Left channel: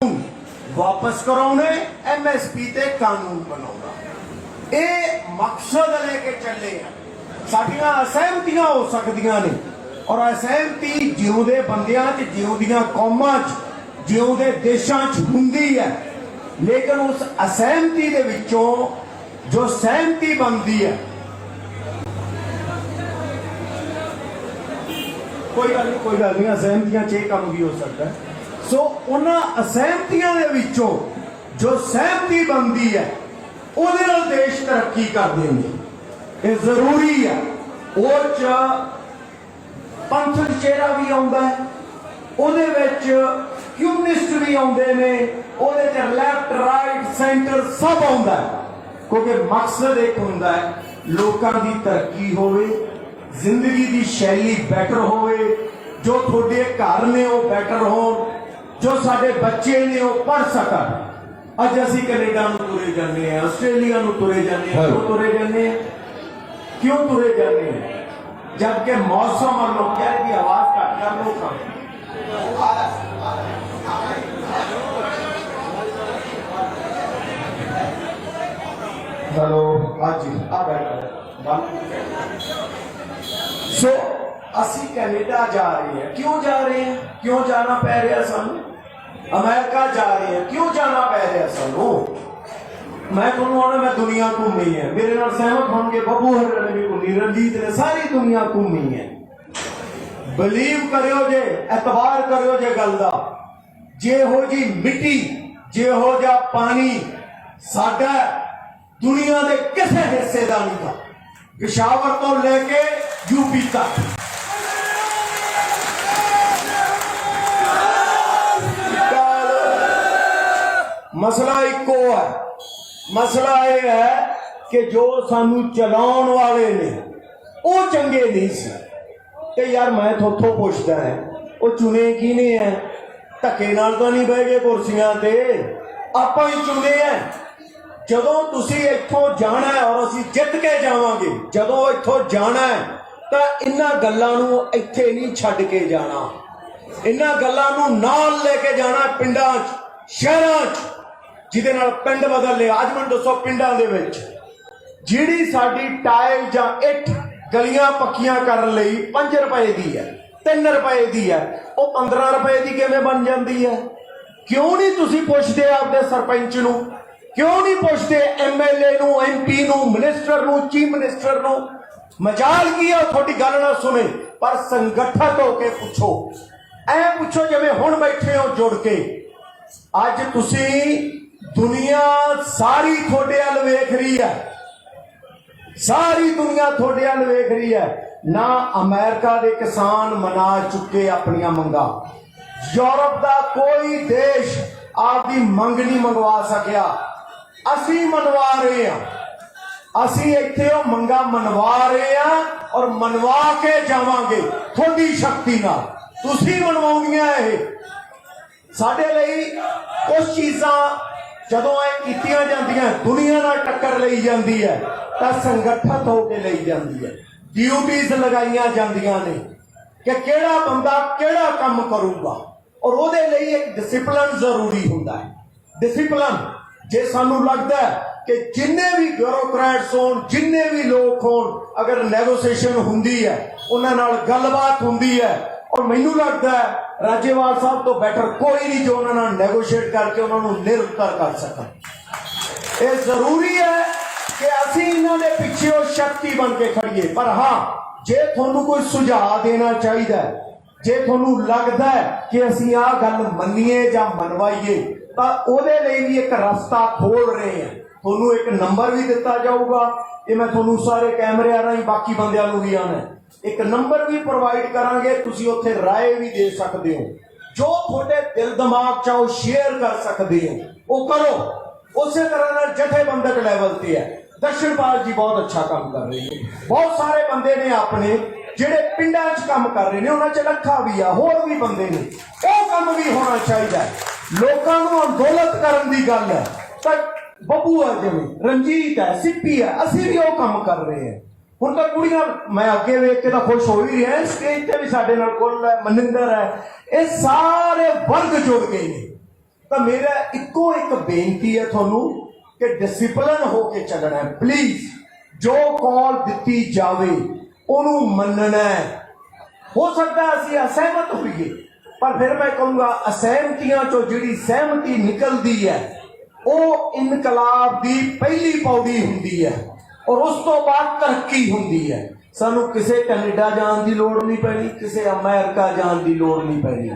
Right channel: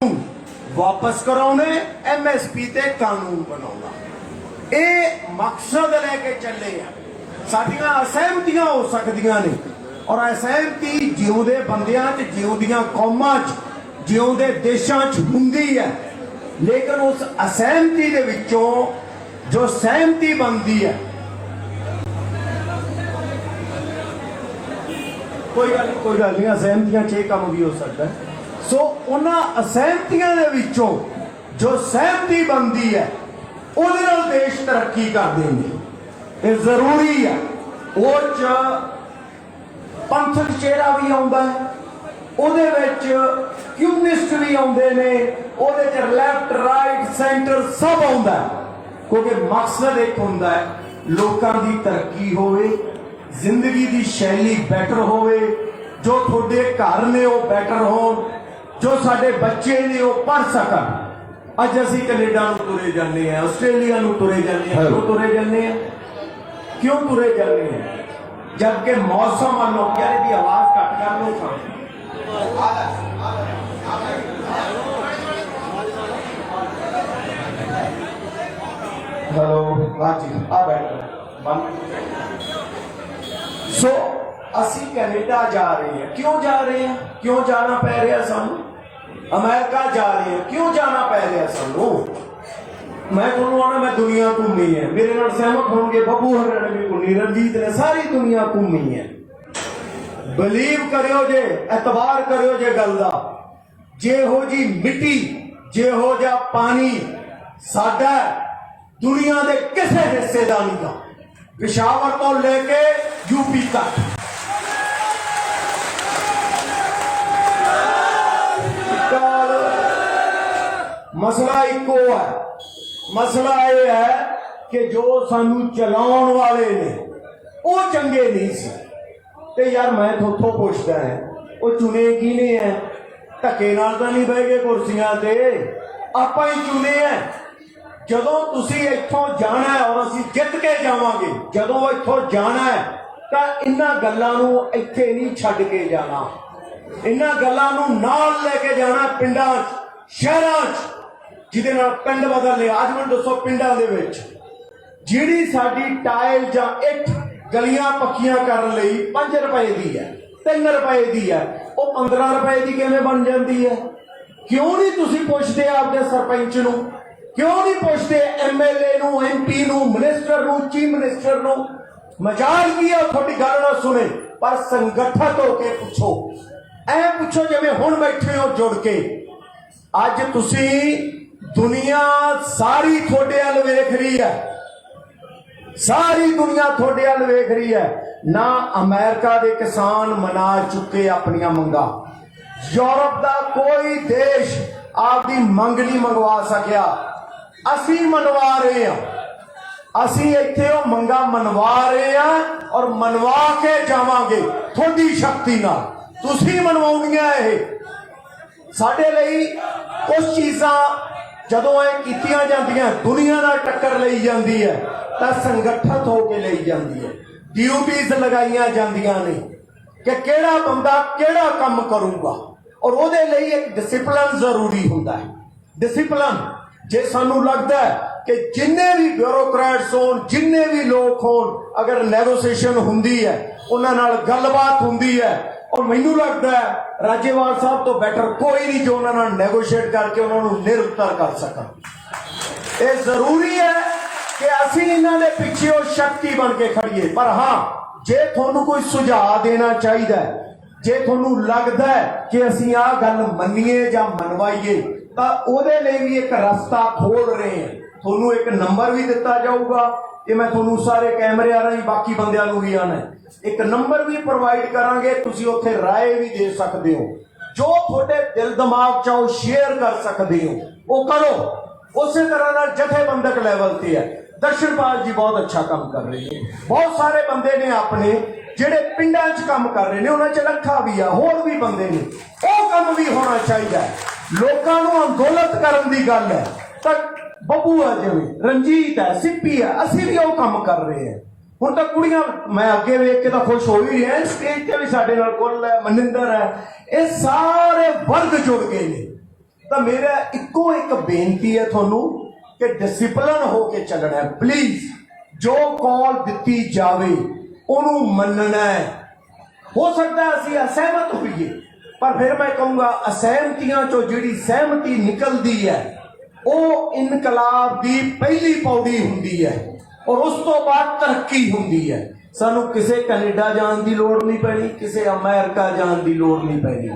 वापस कराने MSP ते कानून बनाना ये मकसद लेके चले साडियां असहमतियां हो सकदियां ने और असहमति जिउंदे बंदियां ते जिउंदियां कौमां च जिउंदे देशां च हुंदी है, लेकिन उस असहमति दे विचों जो सहमति बनती है कोई गल नहीं असहमतियां च काम भी हो सकता है। सो उन्हां असहमतियां दे विचों जो सहमति बनती है उहदे नाल देश तरक्की कर देंगे, ये जरूरी है। उह च पंथक चेहरा भी आउंदा है, उहदे विच कम्युनिस्ट भी आउंदे ने, उहदे च लैफ्ट राइट सेंटर सब आउंदा है, क्योंकि मकसद एक हुंदा है लोकां दी तरक्की होवे, जिंदगी दी शैली बैटर होवे, जो थोड़े घर ने वो बैटर हो, जो साडे बच्चे ने वो पढ़ सकन। अज असीं कनेडा नूं तुरे जाने हैं, आस्ट्रेलिया नूं तुरे जाने हैं, क्यों तुरे जाने हैं? क्यों तुरे जाने हैं? जबकि मौसम और लोग की आवाज घट कर लो सो असी कैनेडा जा रहे हैं, क्यों जा रहे हैं? क्यों जाना पै रहा सानू? अमेरिका जा रहे हैं, क्यों जाना पै रहा सानू? मैं तुहानू आना मैं दुनिया घूमी है, मेरे नाल सहमत होंगे बबू हर ने भी घूमी, रणजीत ने सारी दुनिया घूमी है। बिलीव करो जे, एतबार करो जे गल दा, जेहो जी मिट्टी जेहो जा पानी साडा दुनिया के किसी हिस्से का नहीं था, पेशावर तो लेके यूपी तक। मसला इको है, मसला यह है कि जो सानू चलाउण वाले ने वो चंगे नहीं सी। ते यार मैं थोथों पुछदा है वो चुने किने है? धक्के नाल तां नहीं बह गए कुर्सियां ते, आपां ही चुने हैं। जदों तुसीं इत्थों जाना है और असीं जित के जावांगे, जदों इत्थों जाना है तां इन्हां गल्लां नूं इत्थे नहीं छड्ड के जाना, इन्हां गल्लां नूं नाल लेके जाना पिंडां च शहरां च, जिहदे नाल पिंड बदल ले। अज मैनूं दसो पिंडां दे विच जिहड़ी साडी टाइल जां इट गलियां पक्कियां करन लई 5 रुपए दी है, 3 रुपए दी है, वो 15 रुपए दी किवें बन जाती है? क्यों नहीं तुसीं पुछदे आपदे सरपंच नूं? क्यों नहीं पुछदे MLA नूं, MP नूं, मिनिस्टर नूं, चीफ मिनिस्टर नूं? मजाल की है थोड़ी गल ना सुने, पर संगठित होके पूछो, ऐ पूछो जिवें हुण बैठे हो जुड़ के। अज तुसीं दुनिया सारी थोड़े अल वेख रही है, सारी दुनिया थोड़े अल वेख रही है। ना अमेरिका के किसान मना चुके अपनियां मंगा, यूरोप का कोई देश आपकी मंग नहीं मंगवा सकिया, असी मनवा रहे हैं। असी इत्थे मंगा मनवा रहे हैं और मनवा के जावांगे थोड़ी शक्ति नाल। तुसीं मनवाउणियां ये साडे लई कुछ चीज़ां जदों ये कीतियां जांदियां, दुनिया नाल टक्कर लई जांदी है तां संगठित होके लई जांदी है। ड्यूटीज लगाईयां जांदियां ने कि किहड़ा बंदा किहड़ा काम करूगा, और उहदे लई एक डिसिपलिन जरूरी हुंदा है। डिसिपलिन जे सानू लगता है कि जिन्ने भी ब्यूरोक्रेट्स होन, जिन्ने भी लोग होन, अगर नैगोशिएशन हुंदी है, उन्हां नाल गलबात हुंदी है, और मैनू लगता है राजेवाल साहब तो बेटर कोई नहीं जो उन्हां नाल नैगोशिएट करके उन्होंने निरुत्तर कर सकन। ये जरूरी है कि असीं इन्हां दे पिछे उह शक्ति बन के खड़िए। पर हाँ, जे तुहानू कोई सुझाव देना चाहिए, जे तुहानू लगता है कि असीं आ गल मन्नीए जां मनवाईए, तां उहदे लई भी एक रास्ता खोल रहे हैं। तुहानू एक नंबर भी दिता जाऊगा, ये मैं तुहानू सारे कैमरे आ रही बाकी बंदियां नूं भी आना एक नंबर भी प्रोवाइड करांगे, तुसीं उत्थे राय भी दे सकते हो, जो थोड़े दिल दिमाग चाहो शेयर कर सकते हो वो करो। उस तरह नाल जथेबंदक लैवल ते है दर्शनपाल जी बहुत अच्छा काम कर रहे हैं, बहुत सारे बंदे ने अपने जेडे पिंडां च काम कर रहे हैं, उन्हां च लखा भी आ, होर भी बंदे ने, वो काम भी होना चाहिए। लोकां नूं अंदोलत करन दी गल है तां बबू है, जिवें रणजीत है, सिप्पी है, असीं भी वो काम कर रहे हैं। हुण तां कुड़ियां मैं अगे वेख के तां खुश हो ही रहा, स्टेज ते भी साडे नाल कुल है, मनिंदर है, ये सारे वर्ग जुड़ गए ने। ਤਾਂ ਮੇਰਾ ਇੱਕੋ ਇੱਕ ਬੇਨਤੀ ਹੈ ਤੁਹਾਨੂੰ ਕਿ ਡਿਸਪਲਿਨ ਹੋ ਕੇ ਚੱਲਣਾ ਹੈ। ਪਲੀਜ਼ ਜੋ ਕਾਲ ਦਿੱਤੀ ਜਾਵੇ ਉਹਨੂੰ ਮੰਨਣਾ ਹੈ। ਹੋ ਸਕਦਾ ਅਸੀਂ ਅਸਹਿਮਤ ਹੋਈਏ, ਪਰ ਫਿਰ ਮੈਂ ਕਹੂੰਗਾ ਅਸਹਿਮਤੀਆਂ ਚੋਂ ਜਿਹੜੀ ਸਹਿਮਤੀ ਨਿਕਲਦੀ ਹੈ ਉਹ ਇਨਕਲਾਬ ਦੀ ਪਹਿਲੀ ਪੌੜੀ ਹੁੰਦੀ ਹੈ ਔਰ ਉਸ ਤੋਂ ਬਾਅਦ ਤਰੱਕੀ ਹੁੰਦੀ ਹੈ। ਸਾਨੂੰ ਕਿਸੇ ਕੈਨੇਡਾ ਜਾਣ ਦੀ ਲੋੜ ਨਹੀਂ ਪੈਣੀ, ਕਿਸੇ ਅਮਰੀਕਾ ਜਾਣ ਦੀ ਲੋੜ ਨਹੀਂ ਪੈਣੀ।